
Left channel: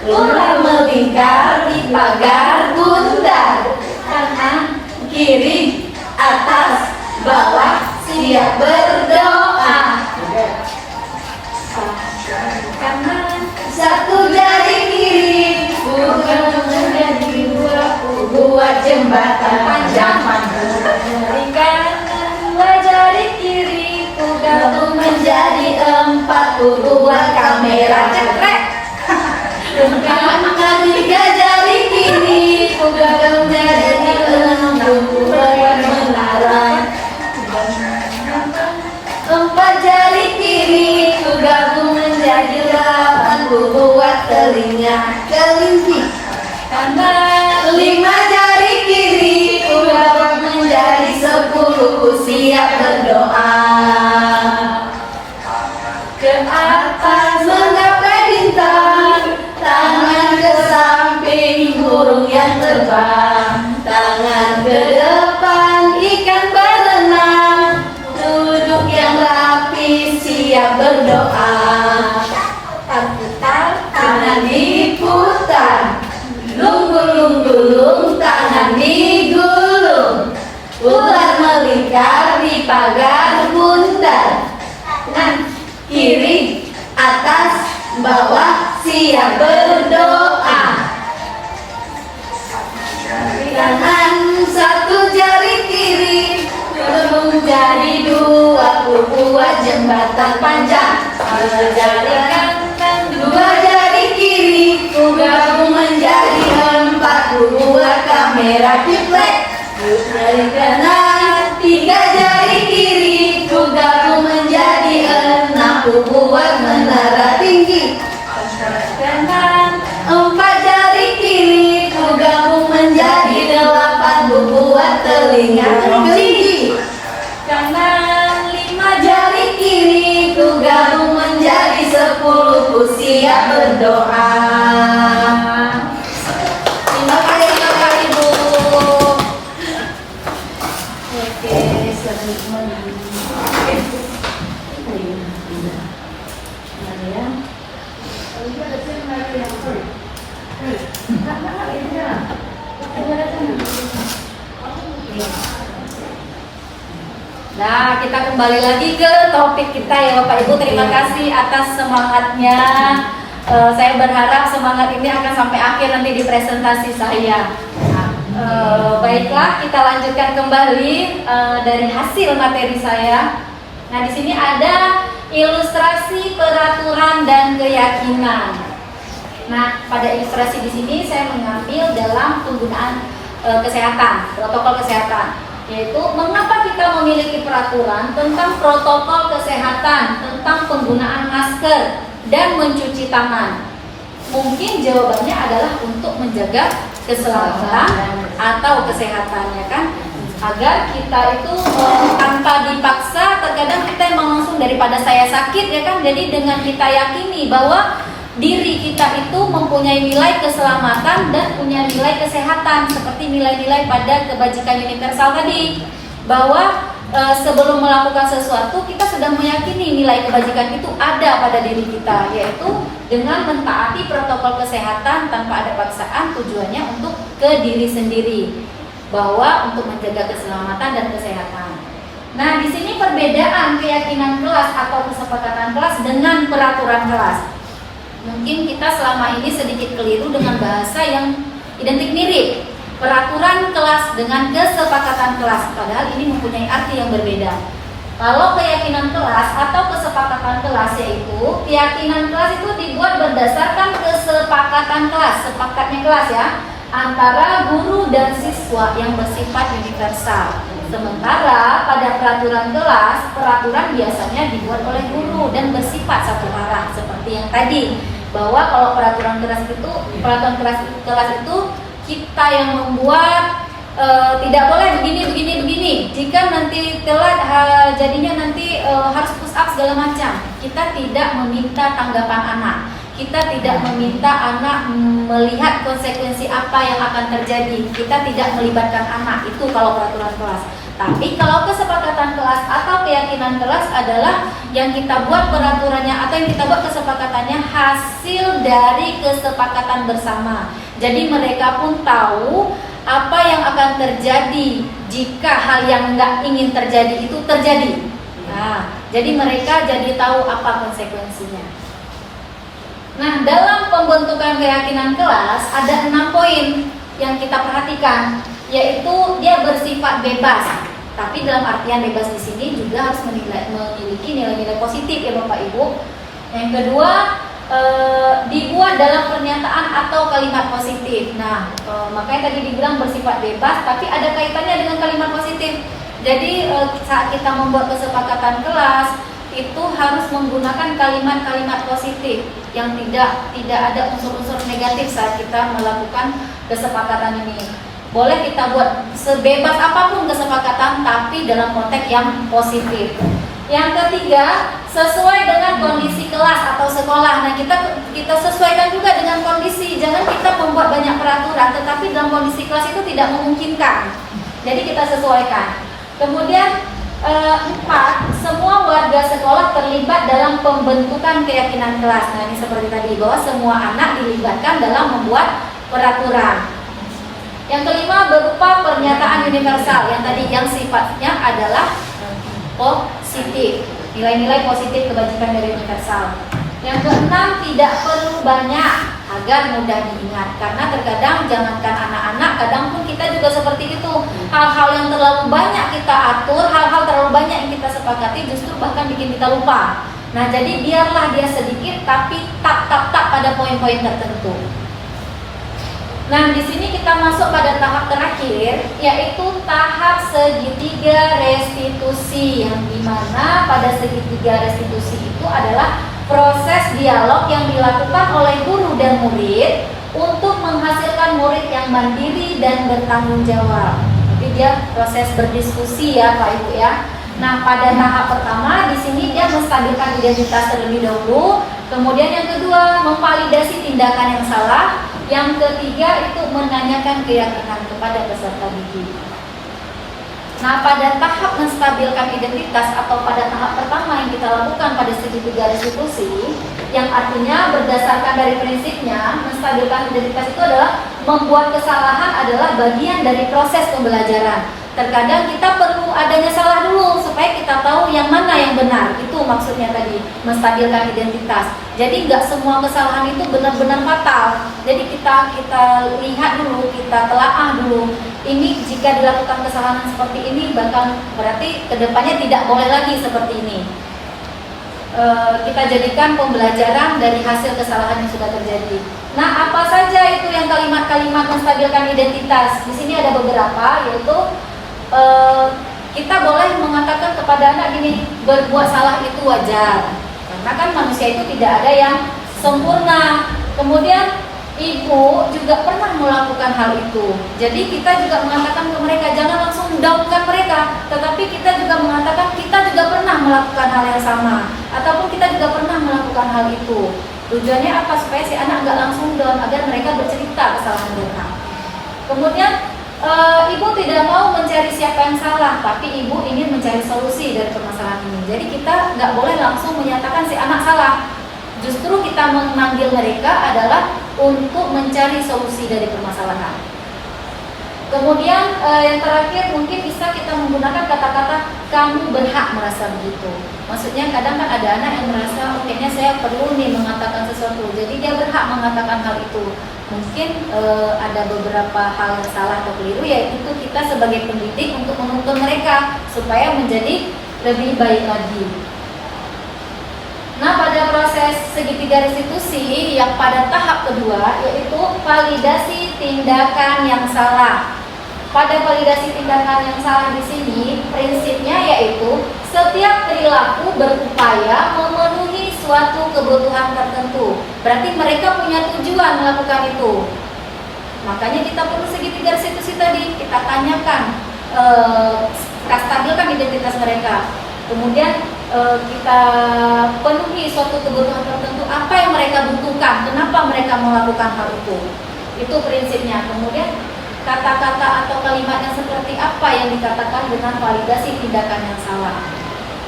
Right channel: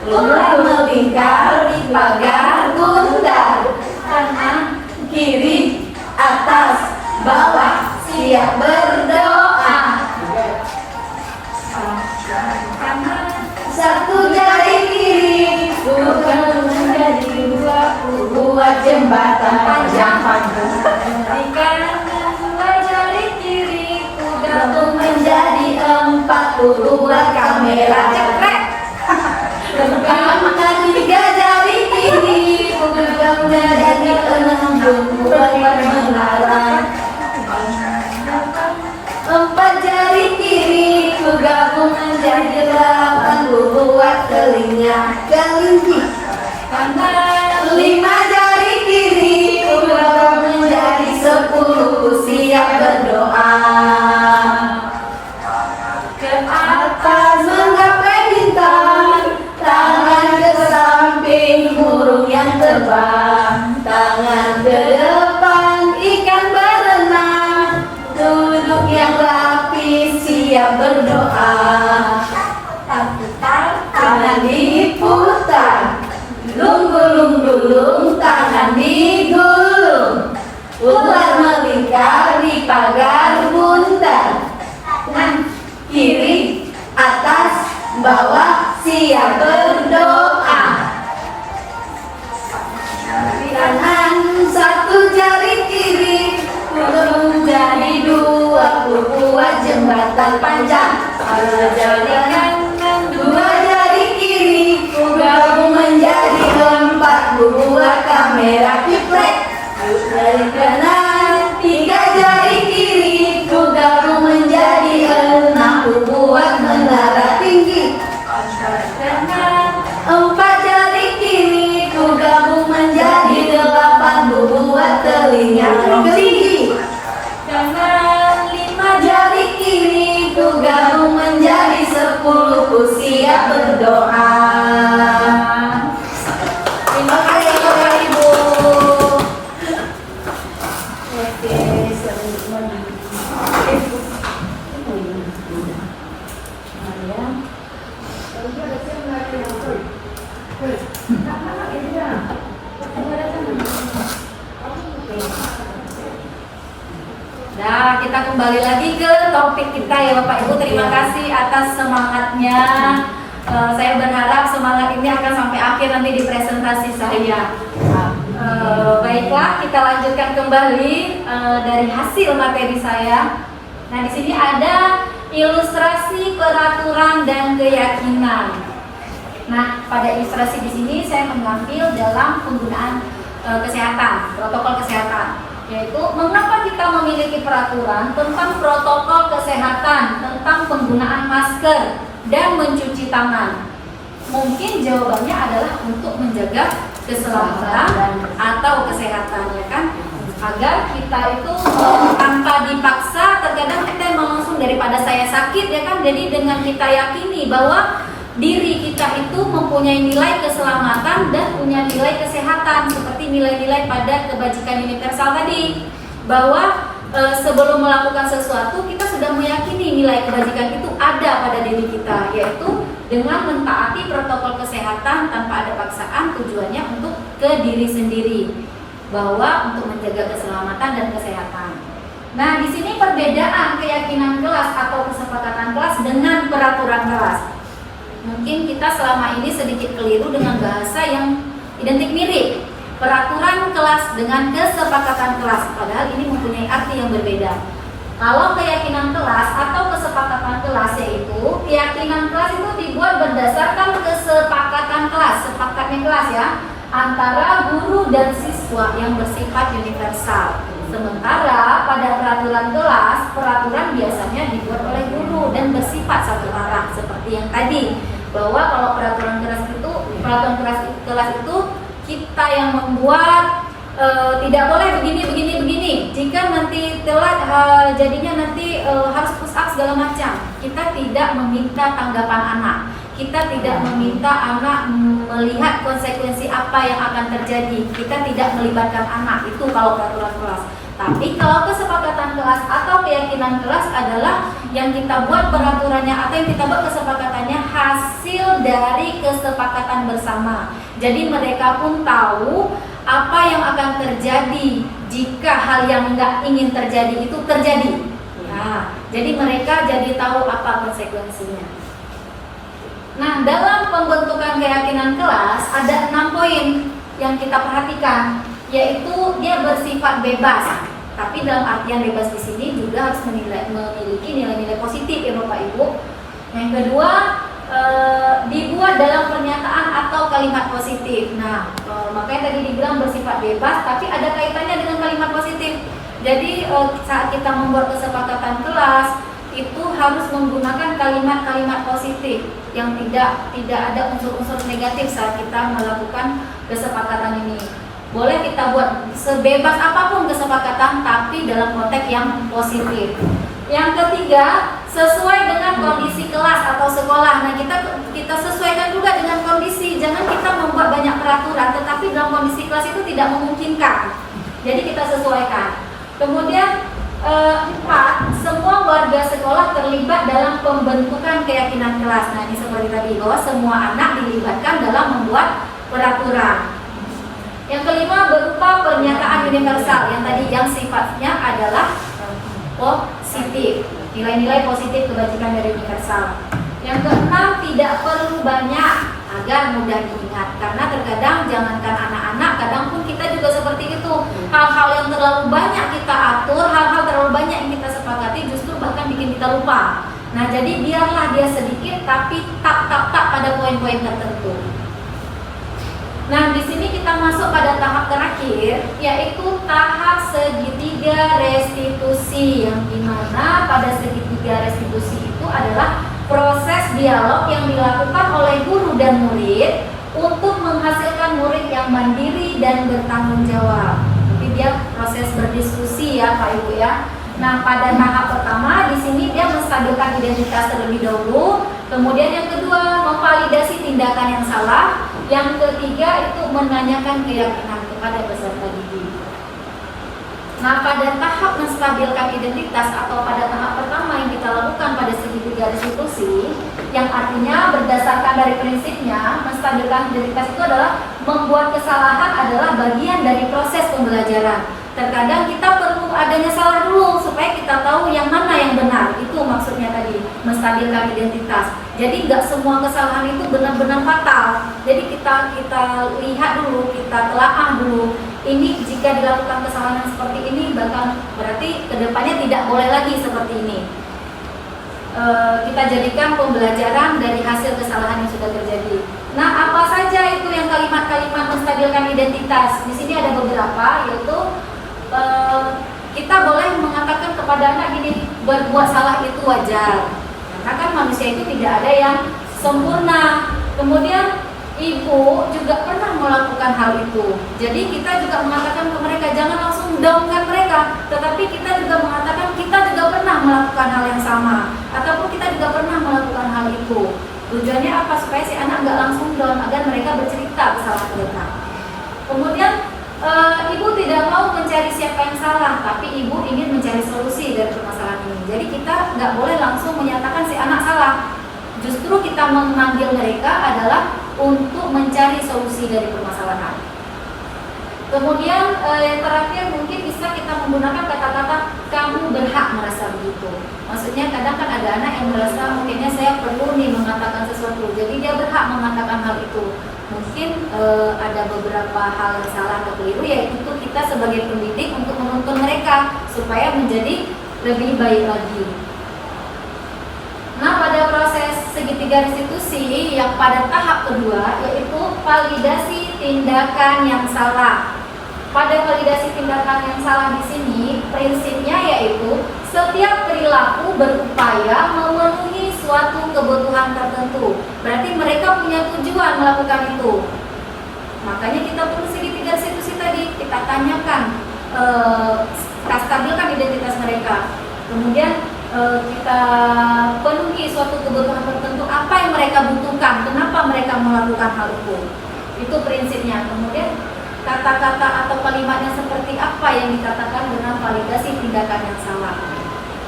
ular melingkar di pagar bundar. Kanan, kiri, atas, bawah, siap berdoa. Kanan, satu jari kiri, bukan menjadi dua, buat jembatan panjang. Jari kanan, dua jari kiri, gabung menjadi empat, buat kamera cekrek. Kanan, tiga jari kiri, gabung menjadi enam, buat menara. Empat jari kiri, gabung menjadi 8, buat telinga kelinci. Kanan, 5 jari kiri, gabung menjadi 10, siap berdoa. Ke atas menggapai bintang, tangan ke samping burung yang terbang, tangan ke depan ikan berenang, duduk yang rapi siap berdoa. Putar, tangan diputar, lung-gulung-gulung tangan digulung, ular melingkar di pagar bundar. Kanan, kiri, atas, bawah, siap berdoa. Kanan, satu jari kiri, gabung jadi 2, buat jembatan panjang. Jari kanan, 2 jari kiri, gabung menjadi 4, buat kamera triplek. Jari kanan, 3 jari kiri, gabung menjadi 6, buat menara tinggi. Kanan, 4 jari kiri, gabung menjadi 8, buat telinga kelinci. Kanan, 5 jari kiri, gabung menjadi 10, siap berdoa. Terima kasih Bapak Ibu. Oke, Nah, kita kembali lagi ke topik kita ya Bapak Ibu. Terima kasih atas semangatnya. Saya berharap semangat ini akan sampai akhir nanti di presentasi saya. Baiklah, kita lanjutkan kembali dari hasil materi saya. Nah, di sini ada ilustrasi peraturan dan keyakinan. Nah, pada ilustrasi di sini saya mengambil dalam penggunaan kesehatan, protokol kesehatan. Yaitu mengapa kita memiliki peraturan tentang protokol kesehatan, tentang penggunaan masker dan mencuci tangan. Mungkin jawabannya adalah untuk menjaga keselamatan atau kesehatan, ya kan? Agar kita itu tanpa dipaksa, terkadang kita emang langsung daripada saya sakit, ya kan? Jadi dengan kita yakini bahwa diri kita itu mempunyai nilai keselamatan dan punya nilai kesehatan, seperti nilai-nilai pada kebajikan universal tadi, bahwa sebelum melakukan sesuatu kita sudah meyakini nilai kebajikan itu ada pada diri kita, yaitu dengan mentaati protokol kesehatan tanpa ada paksaan, tujuannya untuk ke diri sendiri, bahwa untuk menjaga keselamatan dan kesehatan. Nah, di sini perbedaan keyakinan kelas atau kesepakatan kelas dengan peraturan kelas. Mungkin kita selama ini sedikit keliru dengan bahasa yang identik mirip. Peraturan kelas dengan kesepakatan kelas, padahal ini mempunyai arti yang berbeda. Kalau keyakinan kelas atau kesepakatan kelas, yaitu keyakinan kelas itu dibuat berdasarkan kesepakatan kelas, sepakatnya kelas ya, antara guru dan siswa yang bersifat universal. Sementara pada peraturan kelas, peraturan biasanya dibuat oleh guru dan bersifat satu arah, seperti yang tadi, bahwa kalau peraturan kelas itu kita yang membuat, tidak boleh begini. Jika nanti telat, jadinya nanti harus push up segala macam. Kita tidak meminta tanggapan anak. Kita tidak meminta anak melihat konsekuensi apa yang akan terjadi. Kita tidak melibatkan anak. Itu kalau peraturan kelas. Tapi kalau kesepakatan kelas atau keyakinan kelas adalah yang kita buat peraturannya atau yang kita buat kesepakatannya hasil dari kesepakatan bersama. Jadi mereka pun tahu apa yang akan terjadi jika hal yang nggak ingin terjadi itu terjadi. Nah, jadi mereka jadi tahu apa konsekuensinya. Nah, dalam pembentukan keyakinan kelas ada 6 poin yang kita perhatikan, yaitu dia bersifat bebas. Tapi dalam artian bebas di sini juga harus memiliki nilai-nilai positif ya Bapak Ibu. Yang kedua, dibuat dalam pernyataan atau kalimat positif. Nah, makanya tadi dibilang bersifat bebas, tapi ada kaitannya dengan kalimat positif. Jadi saat kita membuat kesepakatan kelas itu harus menggunakan kalimat-kalimat positif yang tidak ada unsur-unsur negatif saat kita melakukan kesepakatan ini. Boleh kita buat sebebas apapun kesepakatan, tapi dalam konteks yang positif. Yang ketiga, sesuai dengan kondisi kelas atau sekolah. Nah, kita sesuaikan juga dengan kondisi. Jangan kita membuat banyak peraturan, tetapi dalam kondisi kelas itu tidak memungkinkan. Jadi kita sesuaikan. Kemudian 4, semua warga sekolah terlibat dalam pembentukan keyakinan kelas. Nah, ini seperti tadi, bahwa semua anak dilibatkan dalam membuat peraturan. Yang kelima, berupa pernyataan universal yang tadi yang sifatnya adalah positif, nilai-nilai positif kebajikan dari universal. Yang keenam, tidak perlu banyak agar mudah diingat, karena terkadang jangankan anak-anak, kadang pun kita juga seperti itu. Hal-hal yang terlalu banyak kita atur, hal-hal terlalu banyak yang kita sepakati justru bahkan bikin kita lupa. Nah, jadi biarlah dia sedikit tapi tak pada poin-poin tertentu. Nah, di sini kita masuk pada tahap terakhir, yaitu tahap segitiga restitusi, yang dimana pada segitiga restitusi itu adalah proses dialog yang dilakukan oleh guru dan murid untuk menghasilkan murid yang mandiri dan bertanggung jawab. Jadi dia proses berdiskusi ya Pak Ibu ya. Nah, pada tahap pertama di sini dia menstabilkan identitas terlebih dahulu. Kemudian yang kedua, memvalidasi tindakan yang salah. Yang ketiga itu menanyakan keyakinan kepada peserta didik. Nah, pada tahap menstabilkan identitas atau pada tahap pertama yang kita lakukan pada segitiga restitusi, yang artinya berdasarkan dari prinsipnya menstabilkan identitas itu adalah membuat kesalahan adalah bagian dari proses pembelajaran. Terkadang kita perlu adanya salah dulu supaya kita tahu yang mana yang benar. Itu maksudnya tadi, menstabilkan identitas. Jadi nggak semua kesalahan itu benar-benar fatal. Jadi kita lihat dulu, kita telaah dulu. Ini jika dilakukan kesalahan seperti ini, bahkan berarti kedepannya tidak boleh lagi seperti ini. Kita jadikan pembelajaran dari hasil kesalahan yang sudah terjadi. Nah, apa saja itu yang kalimat-kalimat menstabilkan identitas? Di sini ada beberapa, yaitu kita boleh mengatakan kepada anak gini, berbuat salah itu wajar. Karena kan manusia itu tidak ada yang sempurna. Kemudian ibu juga pernah melakukan hal itu. Jadi kita juga mengatakan ke mereka, jangan langsung downkan mereka, tetapi kita juga mengatakan kita juga pernah melakukan hal yang sama, ataupun kita juga pernah melakukan hal itu. Tujuannya apa? Supaya si anak nggak langsung down, agar mereka bercerita kesalahan mereka. Kemudian ibu tidak mau mencari siapa yang salah, tapi ibu ingin mencari solusi dari permasalahan ini. Jadi kita nggak boleh langsung menyatakan si anak salah. Justru kita memanggil mereka adalah untuk mencari solusi dari permasalahan. Kemudian yang terakhir mungkin bisa kita menggunakan kata-kata kamu berhak merasa begitu. Maksudnya kadang kan ada anak yang merasa kayaknya saya perlu nih mengatakan sesuatu, jadi dia berhak mengatakan hal itu. Mungkin ada beberapa hal yang salah atau keliru, yaitu kita sebagai pendidik untuk menuntun mereka supaya menjadi lebih baik lagi. Nah, pada proses segitiga restitusi yang pada tahap kedua, yaitu validasi tindakan yang salah. Pada validasi tindakan yang salah di sini, prinsipnya yaitu setiap perilaku berupaya memenuhi suatu kebutuhan tertentu. Berarti mereka punya tujuan melakukan itu. Makanya kita perlu segitiga restitusi tadi, kita tanyakan, kita stabilkan identitas mereka. Kemudian kita penuhi suatu kebutuhan tertentu, apa yang mereka butuhkan, kenapa mereka melakukan hal itu. Itu prinsipnya. Kemudian kata-kata atau kalimatnya seperti apa yang dikatakan dengan validasi tindakan yang salah.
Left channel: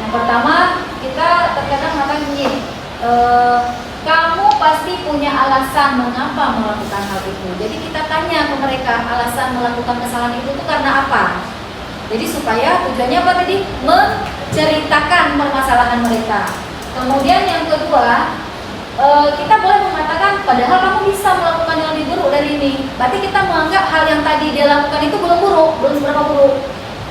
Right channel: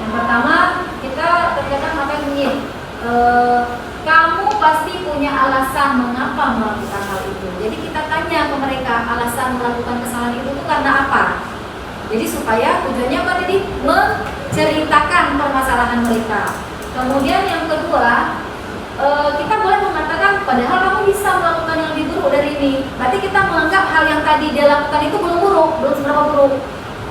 Yang pertama, kita terkadang mengatakan begini, kamu pasti punya alasan mengapa melakukan hal itu. Jadi kita tanya ke mereka, alasan melakukan kesalahan itu tuh karena apa. Jadi supaya tujuannya apa tadi? Menceritakan permasalahan mereka. Kemudian yang kedua, kita boleh mengatakan padahal kamu bisa melakukan yang lebih buruk dari ini. Berarti kita menganggap hal yang tadi dia lakukan itu belum buruk, belum seberapa buruk,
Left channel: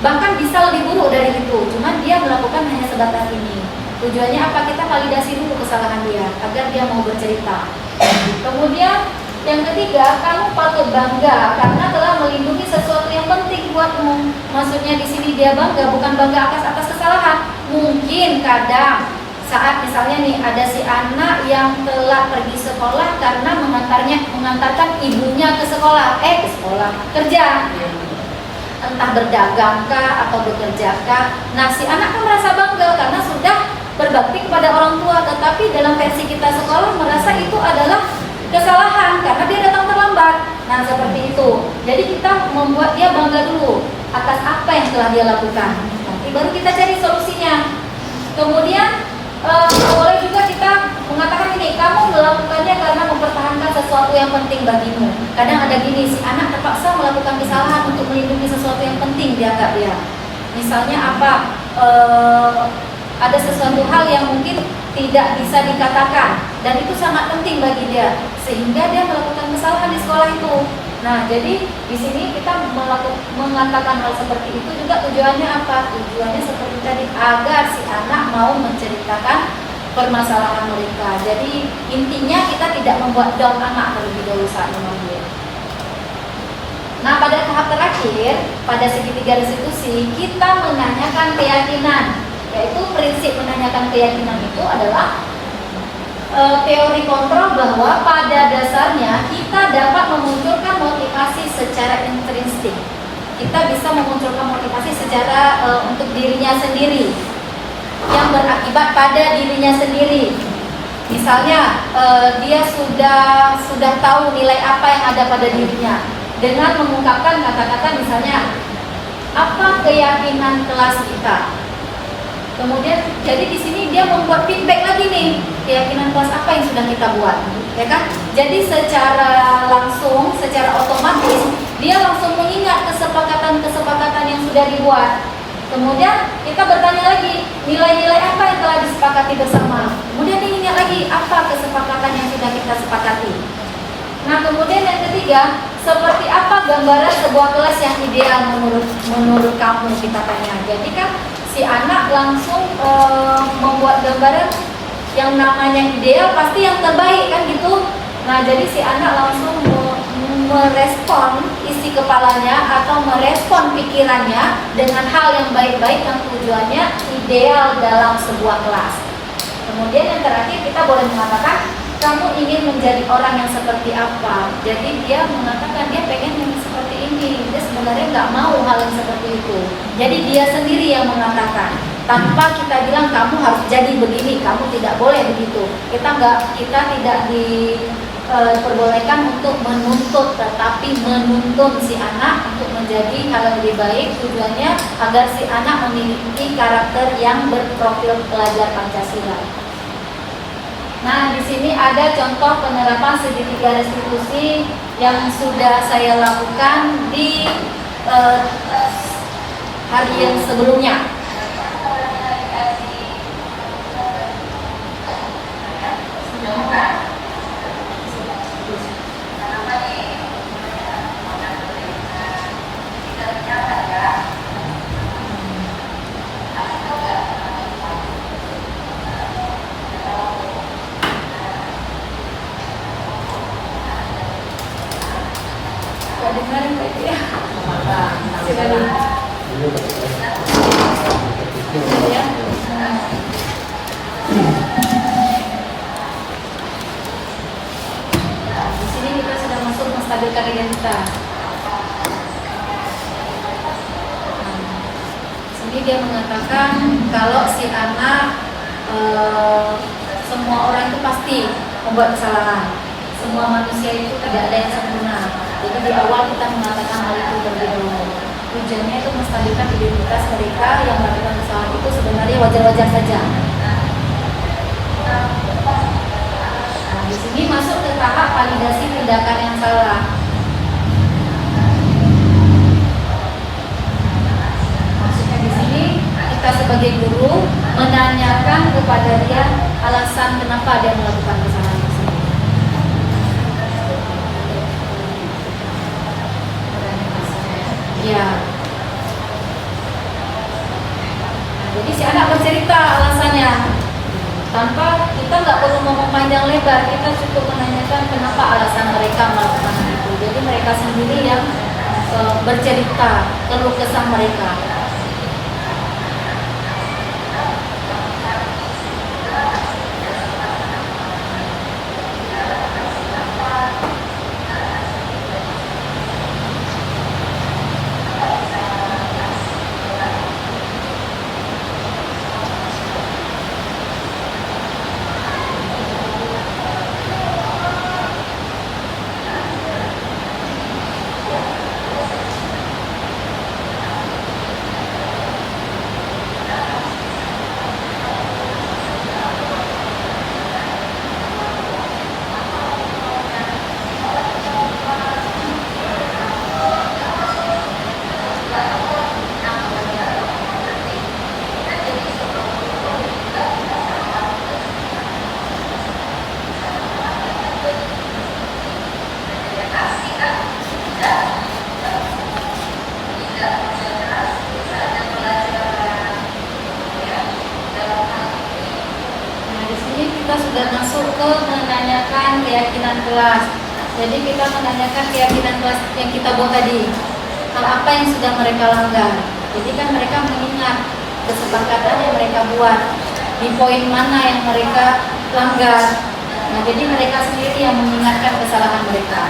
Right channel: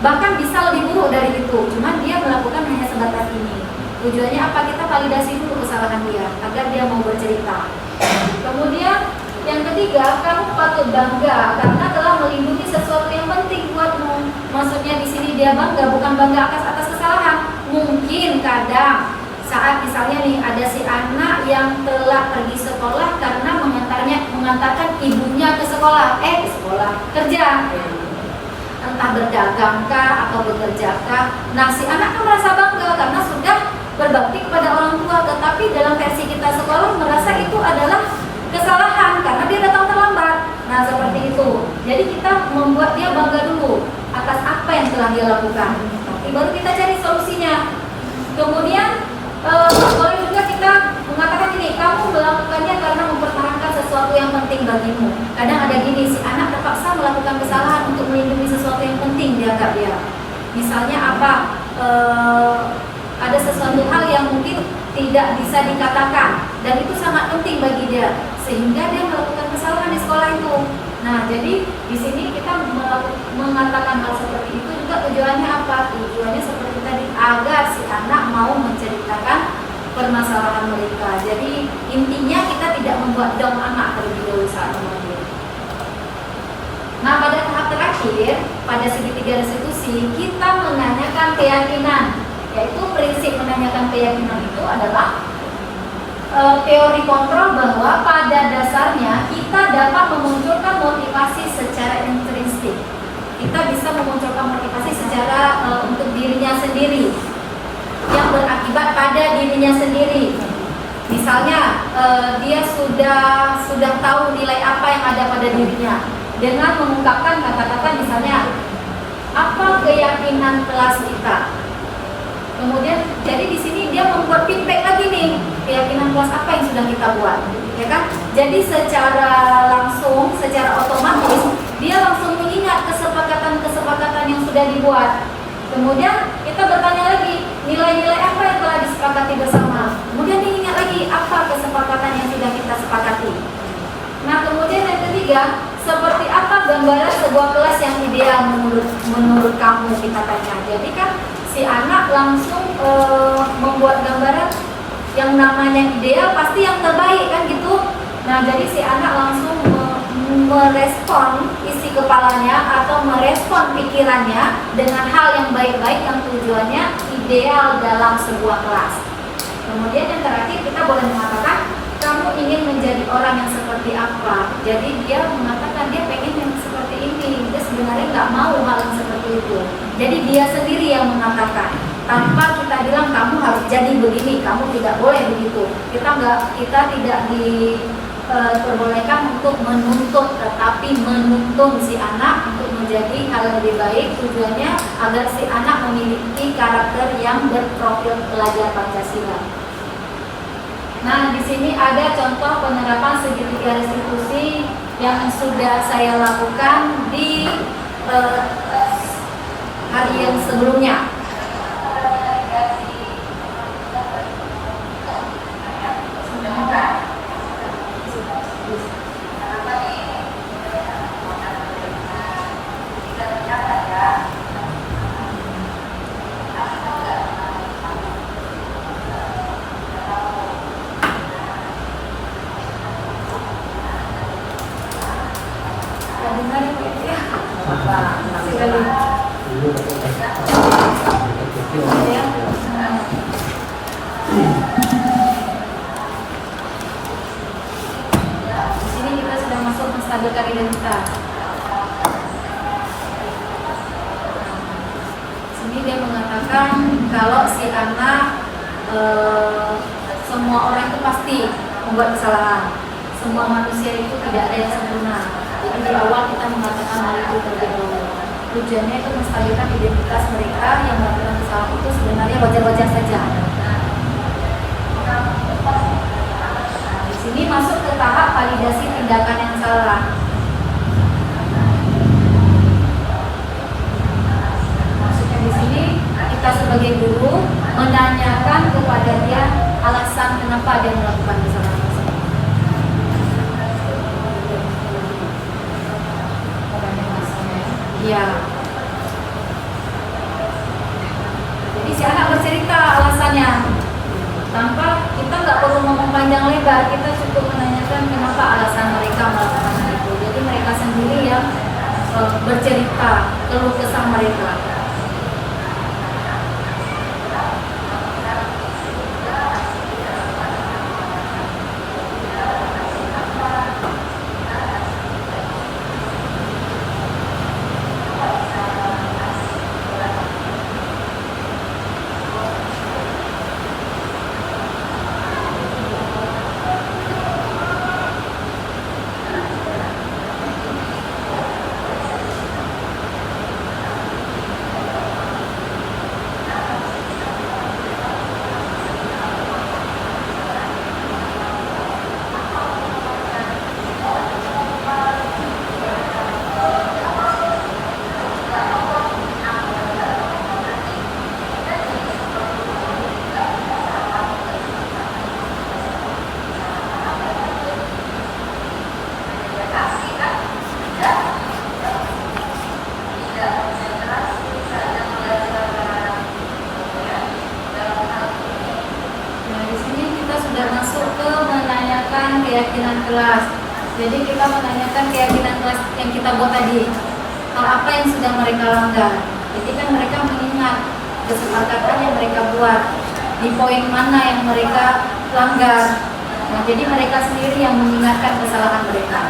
bahkan bisa lebih buruk dari itu. Cuma dia melakukan hanya sebatas ini. Tujuannya apa? Kita validasi dulu kesalahan dia agar dia mau bercerita. Kemudian yang ketiga, kamu patut bangga karena telah melindungi sesuatu yang penting buatmu. Maksudnya di sini dia bangga, bukan bangga atas kesalahan. Mungkin kadang saat misalnya nih ada si anak yang telah pergi sekolah karena mengantarkan ibunya ke sekolah, kerja, entah berdagangkah atau bekerjakah. Nah, si anak kan merasa bangga karena sudah berbakti kepada orang tua, tetapi dalam versi kita sekolah merasa itu adalah kesalahan karena dia datang terlambat. Nah, seperti itu. Jadi kita membuat dia bangga dulu atas apa yang telah dia lakukan. Tapi baru kita cari solusinya. Kemudian boleh juga kita mengatakan ini, kamu melakukannya karena mempertahankan sesuatu yang penting bagimu. Kadang ada gini, si anak terpaksa melakukan kesalahan untuk melindungi sesuatu yang penting di agak dia. Misalnya apa? Ada sesuatu hal yang mungkin tidak bisa dikatakan dan itu sangat penting bagi dia, sehingga dia melakukan kesalahan di sekolah itu. Nah, jadi di sini kita mengatakan hal seperti itu juga tujuannya apa? Tujuannya seperti tadi, agar si anak mau menceritakan permasalahan mereka. Jadi intinya kita tidak membuat down anak terlebih dahulu saat memanggil. Nah, pada tahap terakhir, pada segitiga restitusi, kita menanyakan keyakinan, yaitu prinsip menanyakan keyakinan itu adalah teori kontrol bahwa pada dasarnya kita dapat memunculkan motivasi secara intrinsik. Kita bisa memunculkan motivasi secara untuk dirinya sendiri yang berakibat pada dirinya sendiri. Misalnya dia sudah tahu nilai apa yang ada pada dirinya dengan mengungkapkan kata-kata misalnya, apa keyakinan kelas kita. Kemudian jadi di sini dia membuat feedback lagi nih, keyakinan kelas apa yang sudah kita buat, ya kan? Jadi secara langsung, secara otomatis dia langsung mengingat kesepakatan yang sudah dibuat. Kemudian kita bertanya lagi, nilai-nilai apa yang telah disepakati bersama. Kemudian dia ingat lagi apa kesepakatan yang sudah kita sepakati. Nah, kemudian yang ketiga, seperti apa gambaran sebuah kelas yang ideal menurut kamu, kita tanya. Jadi kan si anak langsung membuat gambaran yang namanya ideal pasti yang terbaik kan gitu. Nah, jadi si anak langsung merespon isi kepalanya atau merespon pikirannya dengan hal yang baik-baik yang tujuannya ideal dalam sebuah kelas. Kemudian yang terakhir kita boleh mengatakan kamu ingin menjadi orang yang seperti apa. Jadi dia mengatakan dia pengen yang seperti ini. Dia sebenarnya nggak mau hal yang seperti itu. Jadi dia sendiri yang mengatakan tanpa kita bilang kamu harus jadi begini, kamu tidak boleh begitu. Kita tidak diperbolehkan untuk menuntut, tetapi menuntun si anak untuk menjadi hal yang lebih baik. Tujuannya agar si anak memiliki karakter yang berprofil pelajar Pancasila. Nah, di sini ada contoh penerapan segitiga restitusi yang sudah saya lakukan di hari yang sebelumnya. Menstabilkan identitas. Sini dia mengatakan kalau si anak semua orang itu pasti membuat kesalahan. Semua manusia itu tidak ada yang sempurna. Jadi di awal kita mengatakan hal itu terlebih dahulu. Tujuannya itu menstabilkan identitas mereka yang melakukan kesalahan itu sebenarnya wajar-wajar saja. Di sini masuk ke tahap validasi tindakan yang salah. Maksudnya di sini kita sebagai guru menanyakan kepada dia alasan kenapa dia melakukan kesalahan tersebut. Ya. Jadi si anak bercerita alasannya. Tanpa kita nggak perlu ngomong panjang lebar, kita cukup menanyakan kenapa alasan mereka melakukan itu. Jadi mereka sendiri yang bercerita keluh kesah mereka. Keyakinan kelas. Jadi kita menanyakan keyakinan kelas yang kita buat tadi. Hal apa yang sudah mereka langgar. Jadi kan mereka mengingat kesepakatan yang mereka buat. Di poin mana yang mereka langgar. Nah, jadi mereka sendiri yang mengingatkan kesalahan mereka.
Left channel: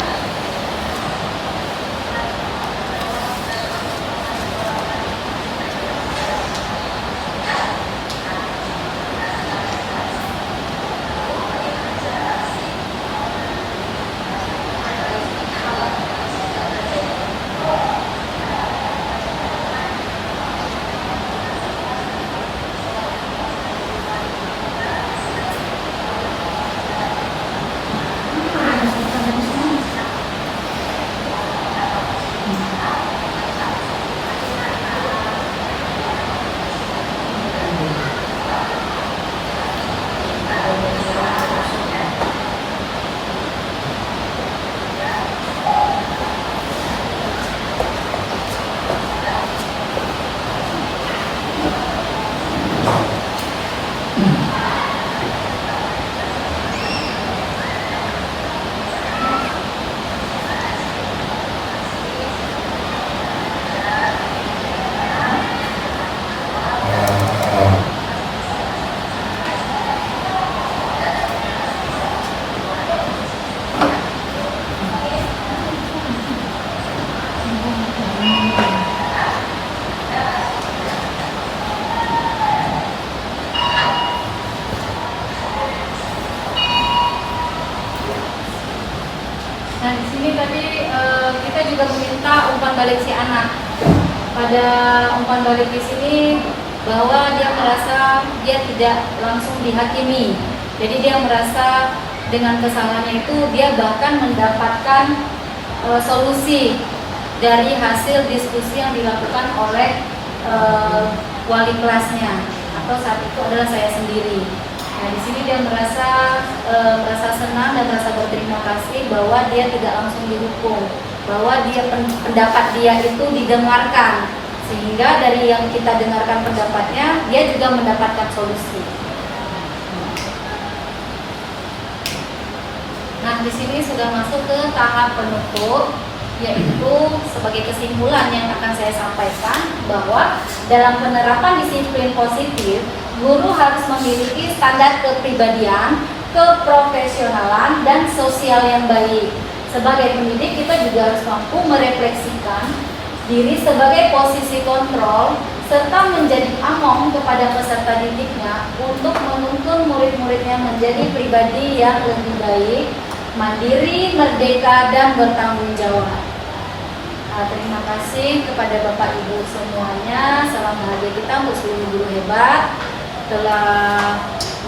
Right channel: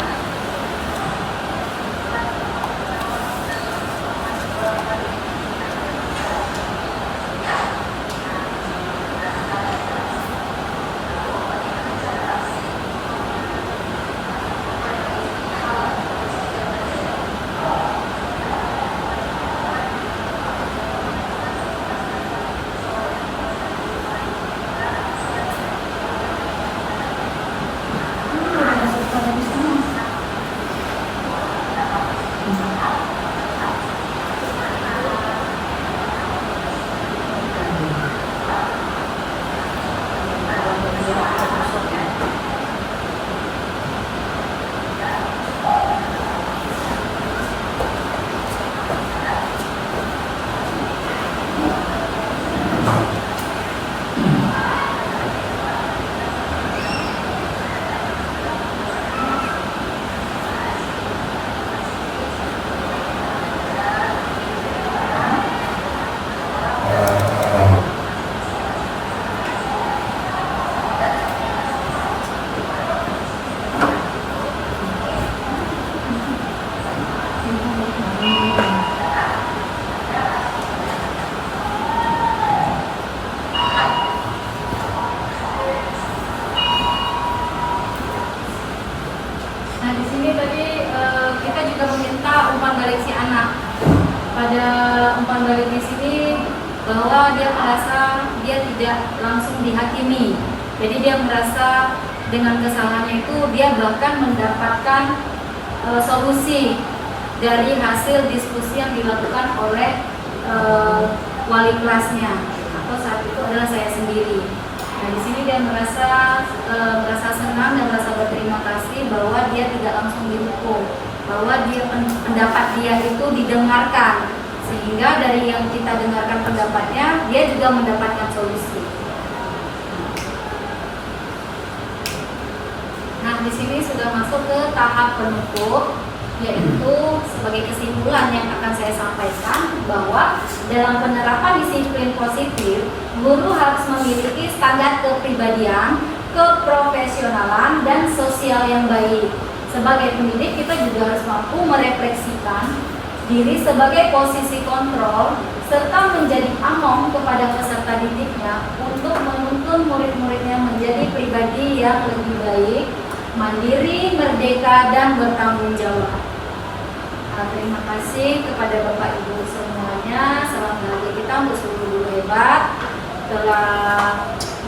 ada umpan balik di sini bahwa dia merasa dia tidak langsung dihakimi. Jadi dia merasa dengan kesalahannya itu dia bahkan mendapatkan solusi dari hasil diskusi yang dilakukan oleh wali kelasnya, atau saat itu adalah saya sendiri. Nah, di sini dia merasa senang dan merasa berterima kasih bahwa dia tidak langsung dihukum, bahwa dia pendapat dia itu didengarkan, sehingga dari yang kita dengarkan pendapatnya dia juga mendapatkan solusi. Nah, di sini sudah masuk ke tahap penutup, yaitu sebagai kesimpulan yang akan saya sampaikan bahwa dalam penerapan disiplin positif, guru harus memiliki standar kepribadian, keprofesionalan, dan sosial yang baik. Sebagai pendidik, kita juga harus mampu merefleksikan diri sebagai posisi kontrol serta menjadi among kepada peserta didiknya untuk menuntun murid-muridnya menjadi pribadi yang lebih baik, mandiri, merdeka, dan bertanggung jawab. Terima kasih kepada Bapak Ibu semuanya. Salam bahagia kita untuk seluruh guru hebat telah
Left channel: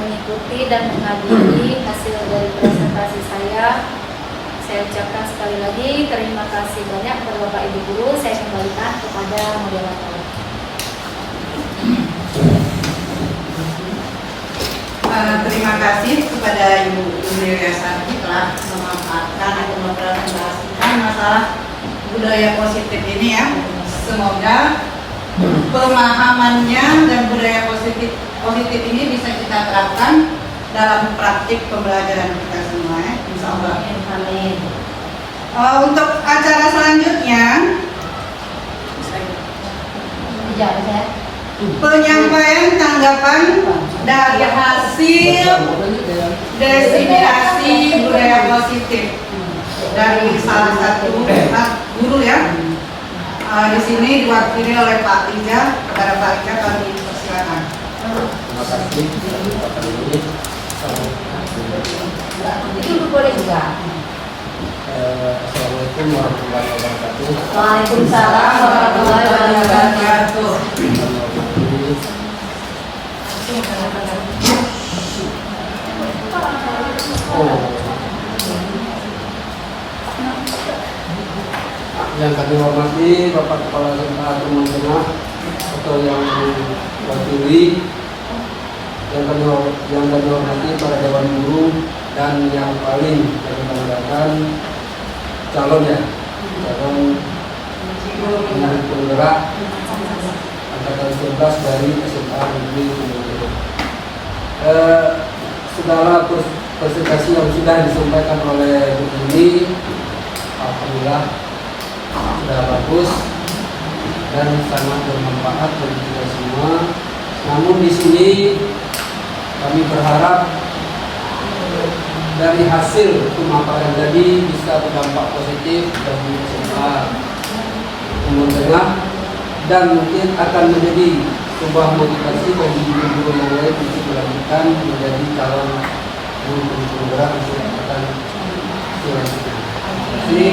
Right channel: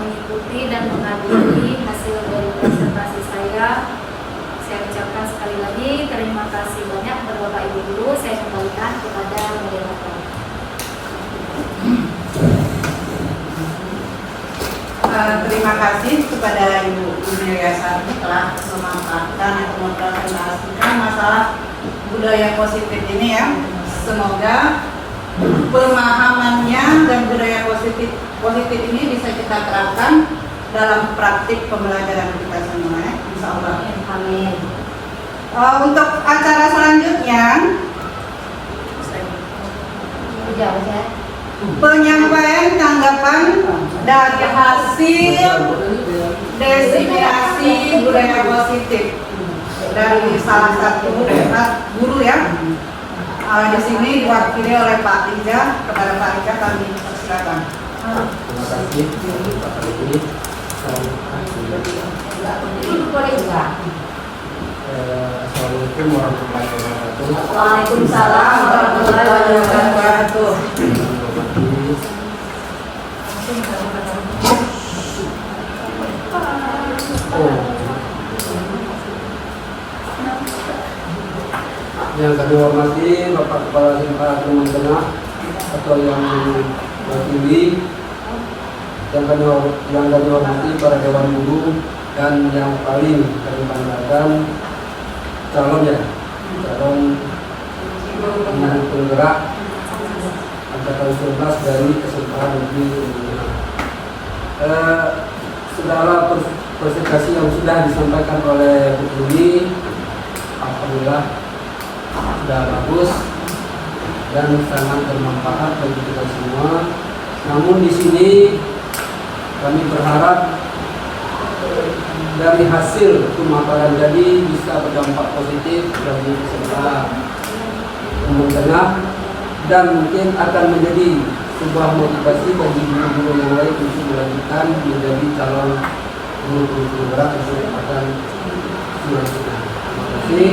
mengikuti dan menghadiri hasil dari presentasi saya. Saya ucapkan sekali lagi terima kasih banyak kepada Bapak Ibu guru. Saya kembalikan kepada moderator. Terima kasih kepada Ibu Wiryasari telah memanfaatkan atau mempresentasikan masalah budaya positif ini ya. Semoga pemahamannya dan budaya positif ini bisa kita terapkan dalam praktik pembelajaran kita semua ya. Insya Allah. Amin. Untuk acara selanjutnya penyampaian tanggapan dari hasil definisi budaya positif dari salah satu guru ya. Di sini diwakili oleh Pak Riza. Kepada Pak Riza kami persilakan. Terima kasih Pak Guru. Itu boleh juga. Assalamualaikum warahmatullahi wabarakatuh. Waalaikumsalam warahmatullahi wabarakatuh. Yang kami hormati Bapak Kepala SMA Teman Tengah atau yang mewakili, yang kami hormati para dewan guru, dan yang paling kami banggakan calon penggerak angkatan 11 dari SMA Negeri Teman. Segala presentasi yang sudah disampaikan oleh Bu ini, alhamdulillah sudah bagus dan sangat bermanfaat bagi kita semua. Namun di sini kami berharap dari hasil pemaparan tadi bisa berdampak positif bagi peserta Teman Tengah dan mungkin akan menjadi sebuah motivasi bagi guru-guru yang lain untuk melanjutkan menjadi calon guru-guru penggerak kesempatan selanjutnya. Jadi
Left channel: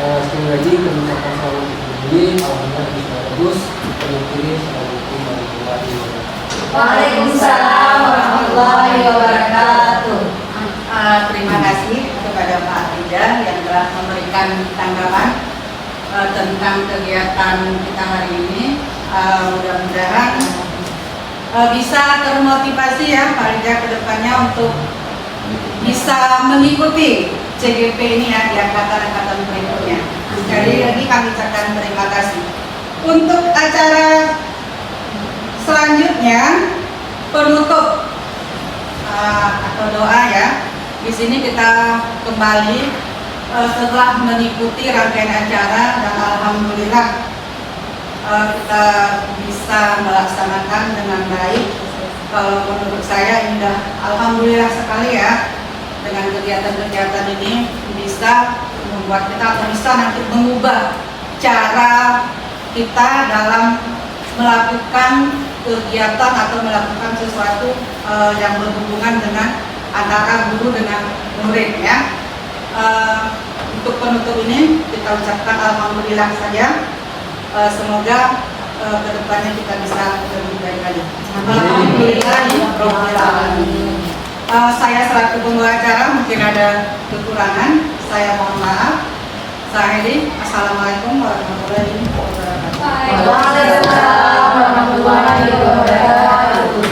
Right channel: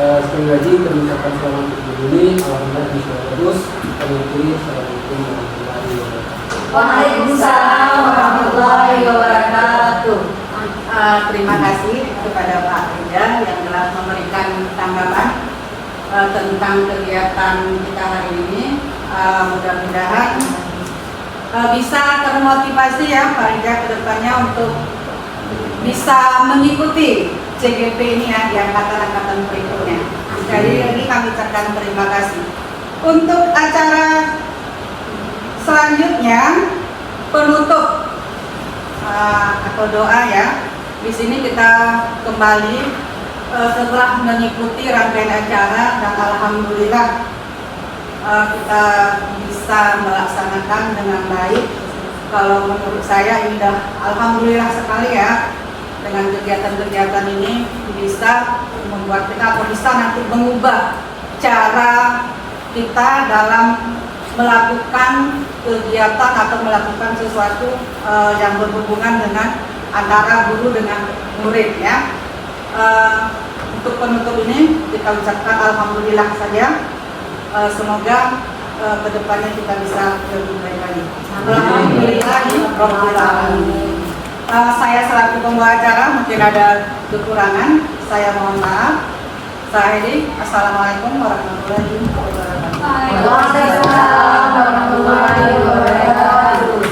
sekali lagi kami ucapkan selamat untuk ini. Alhamdulillah bisa terus. Assalamualaikum warahmatullahi wabarakatuh. Waalaikumsalam warahmatullahi wabarakatuh. Terima kasih kepada Pak Riza yang telah memberikan tanggapan tentang kegiatan kita hari ini. Mudah-mudahan bisa termotivasi ya Pak Riza ke depannya untuk bisa mengikuti CGP ini ya di angkatan-angkatan berikutnya. Sekali lagi kami ucapkan terima kasih. Untuk acara selanjutnya penutup atau doa ya. Di sini kita kembali setelah mengikuti rangkaian acara dan alhamdulillah kita bisa melaksanakan dengan baik. Kalau menurut saya ini udah alhamdulillah sekali ya, dengan kegiatan-kegiatan ini bisa membuat kita atau bisa nanti mengubah cara kita dalam melakukan kegiatan atau melakukan sesuatu yang berhubungan dengan antara guru dengan murid ya. Untuk penutup ini kita ucapkan alhamdulillah saja. Semoga kedepannya kita bisa lebih baik lagi. Alhamdulillah. Saya selaku pembawa acara mungkin ada kekurangan, saya mohon maaf. Saya Hedi, Assalamualaikum warahmatullahi wabarakatuh. Waalaikumsalam warahmatullahi wabarakatuh.